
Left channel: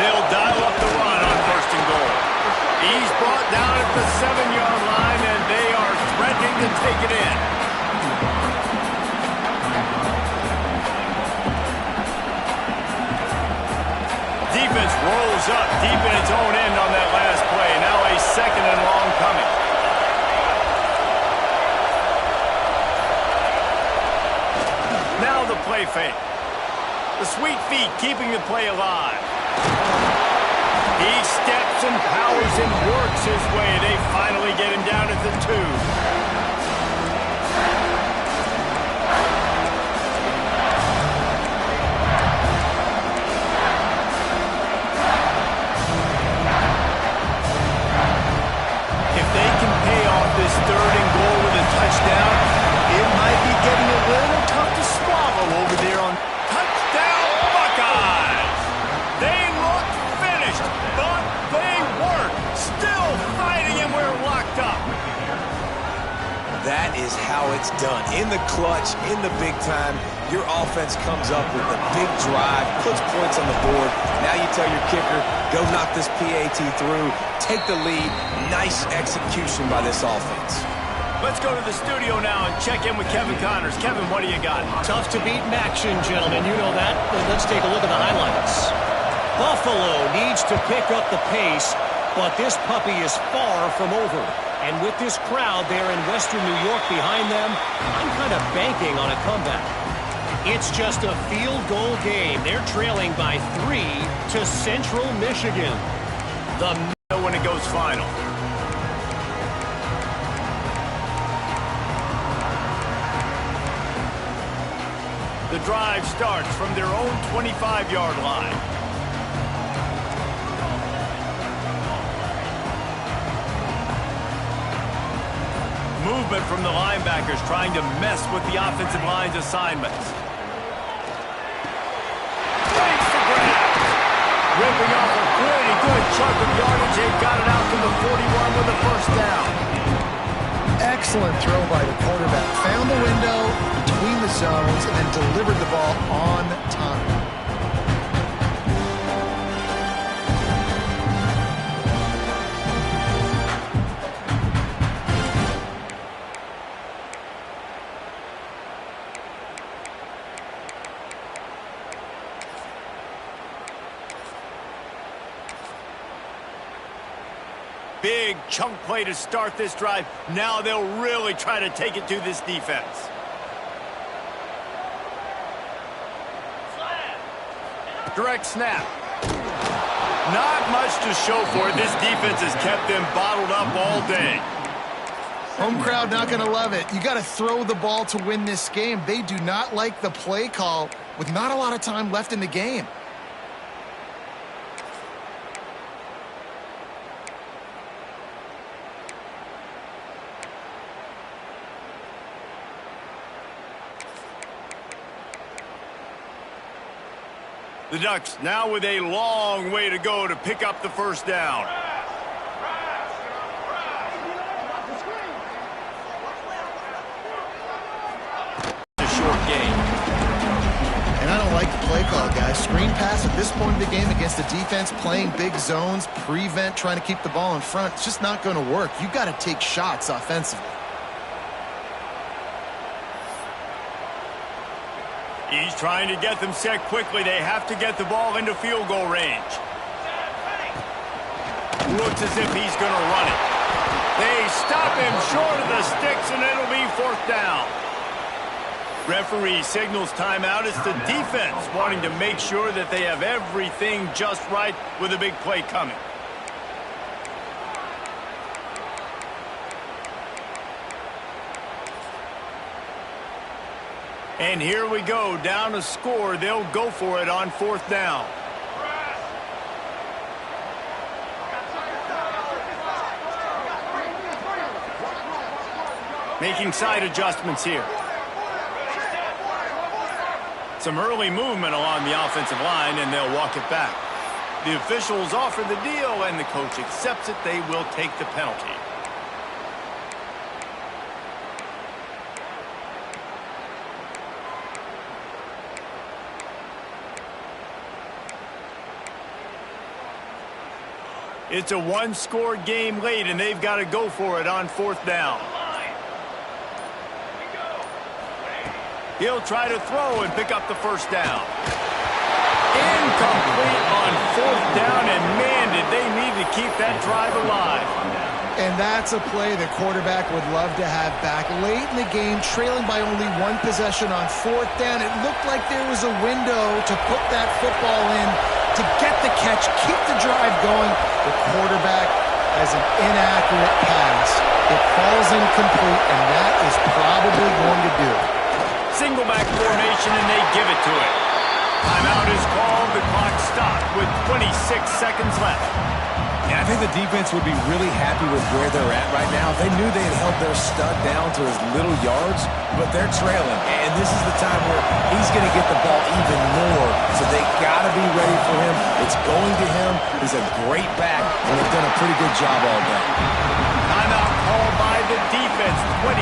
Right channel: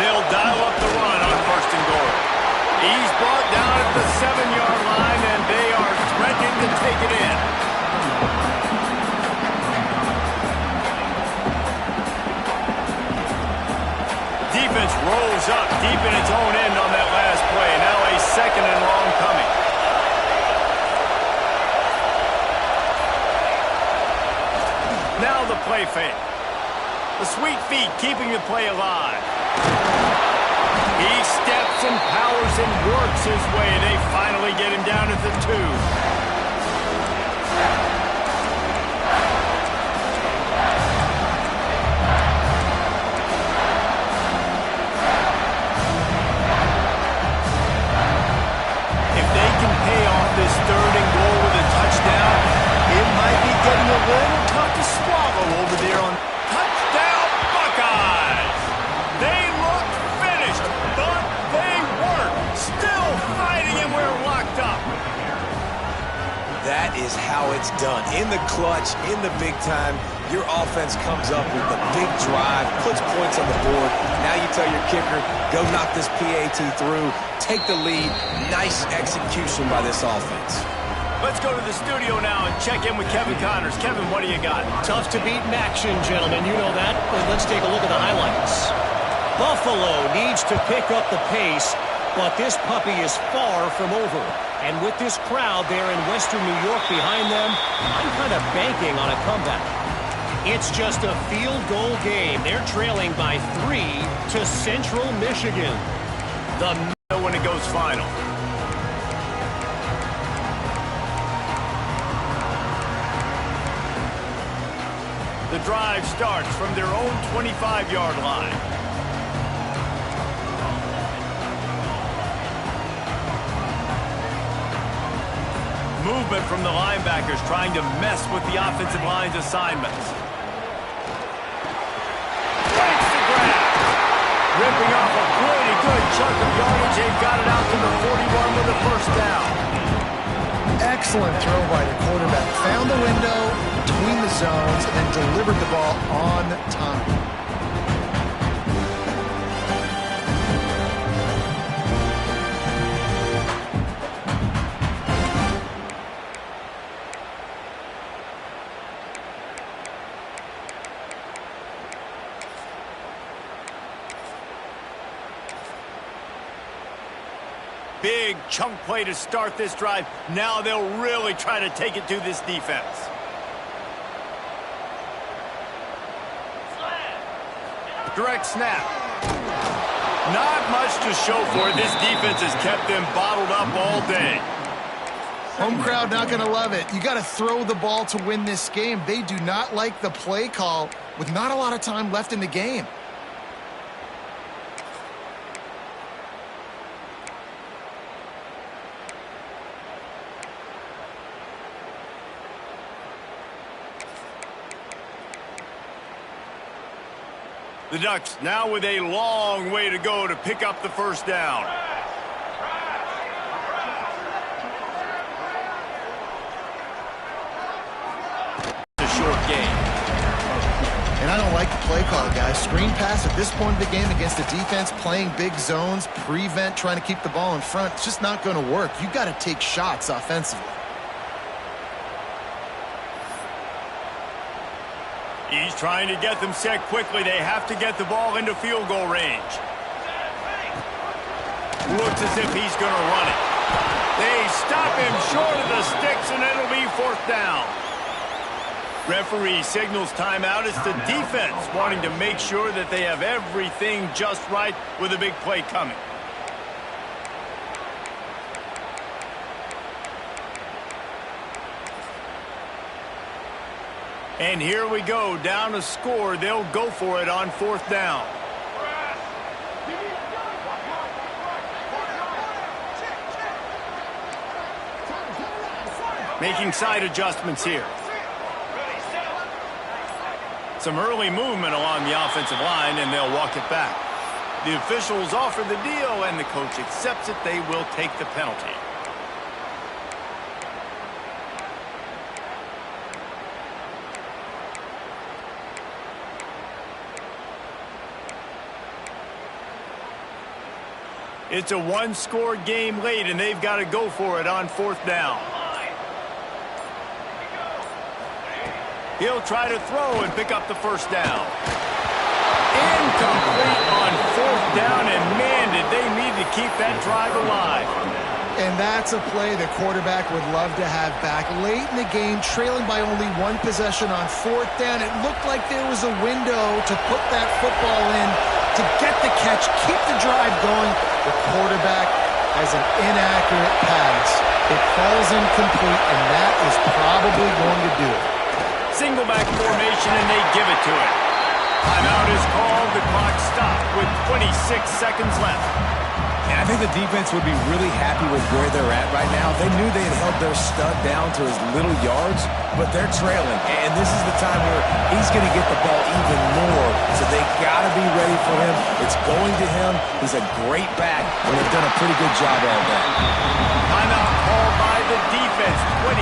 They'll dial up the run on 1st and goal. He's brought down at the 7-yard line, and they are threatening to take it in. Defense rolls up deep in its own end on that last play. Now a 2nd and long coming. Now the play fake. The sweet feet keeping the play alive. He steps and powers and works his way. They finally get him down at the 2. If they can pay off this 3rd and goal with a touchdown, it might be getting a little tough to swallow over there on touchdown Buckeyes. They looked finished, but they weren't. Still fighting, and we're locked up. That is how it's done. In the clutch, in the big time, your offense comes up with a big drive, puts points on the board. Now you tell your kicker, go knock this PAT through, take the lead. Nice execution by this offense. Let's go to the studio now and check in with Kevin Connors. Kevin, what do you got? Tough to beat action, gentlemen. You know that. Let's take a look at the highlights. Buffalo needs to pick up the pace, but this puppy is far from over. And with this crowd there in Western New York behind them, I'm kind of banking on a comeback. It's just a field goal game. They're trailing by 3 to Central Michigan. When it goes final. The drive starts from their own 25-yard line. Movement from the linebackers trying to mess with the offensive line's assignments. Breaks the grab. Ripping off a pretty good chunk of yardage. They've got it out to the 41 with a first down. Excellent throw by the quarterback. Found the window, between the zones and then delivered the ball on time. Big chunk play to start this drive. Now they'll really try to take it to this defense. Direct snap. Not much to show for it. This defense has kept them bottled up all day. Home crowd not going to love it. You got to throw the ball to win this game. They do not like the play call with not a lot of time left in the game. The Ducks now with a long way to go to pick up the first down. A short game. And I don't like the play call, guys. Screen pass at this point of the game against a defense playing big zones, prevent, trying to keep the ball in front. It's just not going to work. You've got to take shots offensively. He's trying to get them set quickly. They have to get the ball into field goal range. Looks as if he's going to run it. They stop him short of the sticks, and it'll be fourth down. Referee signals timeout. It's the defense wanting to make sure that they have everything just right with a big play coming. And here we go, down a score. They'll go for it on fourth down. Making side adjustments here. Some early movement along the offensive line, and they'll walk it back. The officials offer the deal, and the coach accepts it. They will take the penalty. It's a one-score game late, and they've got to go for it on fourth down. He'll try to throw and pick up the first down. Incomplete on fourth down, and man, did they need to keep that drive alive. And that's a play the quarterback would love to have back. Late in the game, trailing by only one possession on fourth down, it looked like there was a window to put that football in to get the catch, keep the drive going. The quarterback has an inaccurate pass. It falls incomplete, and that is probably going to do it. Single back formation, and they give it to him. Timeout is called. The clock stopped with 26 seconds left. And I think the defense would be really happy with where they're at right now. They knew they had held their stud down to his little yards, but they're trailing. And this is the time where he's going to get the ball even more. So they got to be ready for him. It's going to him. He's a great back, and they've done a pretty good job all day. Timeout called by the defense. 23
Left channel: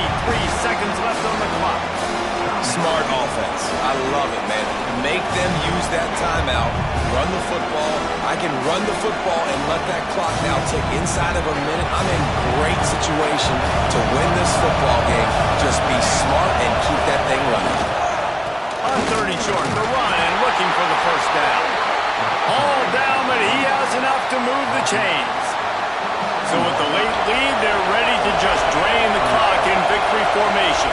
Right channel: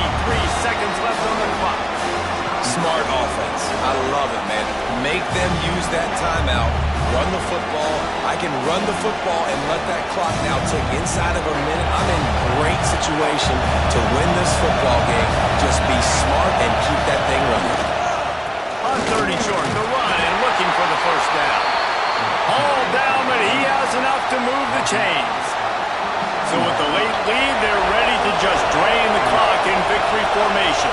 seconds left on the clock. Smart offense. I love it, man. Make them use that timeout. Run the football. I can run the football and let that clock now tick inside of a minute. I'm in great situation to win this football game. Just be smart and keep that thing running. On 30 short, the run and looking for the first down. All down, but he has enough to move the chains. So with the late lead, they're ready to just drain the clock in victory formation.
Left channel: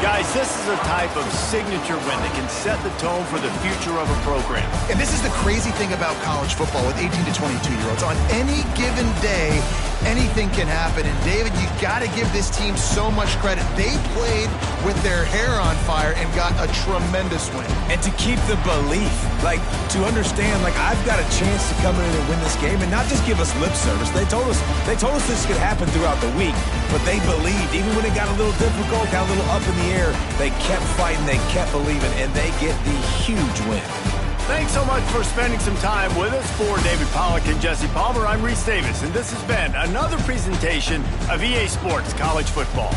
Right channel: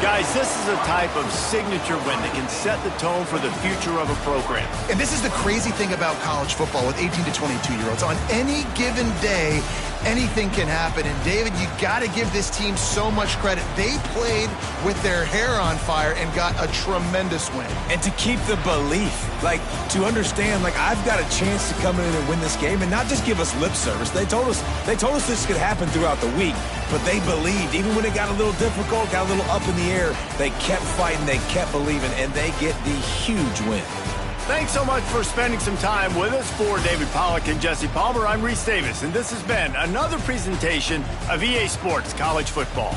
Guys, this is a type of signature win that can set the tone for the future of a program. And this is the crazy thing about college football with 18 to 22-year-olds. On any given day, anything can happen. And, David, you got to give this team so much credit. They played with their hair on fire and got a tremendous win. And to keep the belief, like, to understand, like, I've got a chance to come in and win this game and not just give us lip service. They told us this could happen throughout the week, but they believed. Even when it got a little difficult, got a little up in the air, they kept fighting, they kept believing, and they get the huge win. Thanks so much for spending some time with us. For David Pollack and Jesse Palmer, I'm Reese Davis, and this has been another presentation of EA Sports College Football.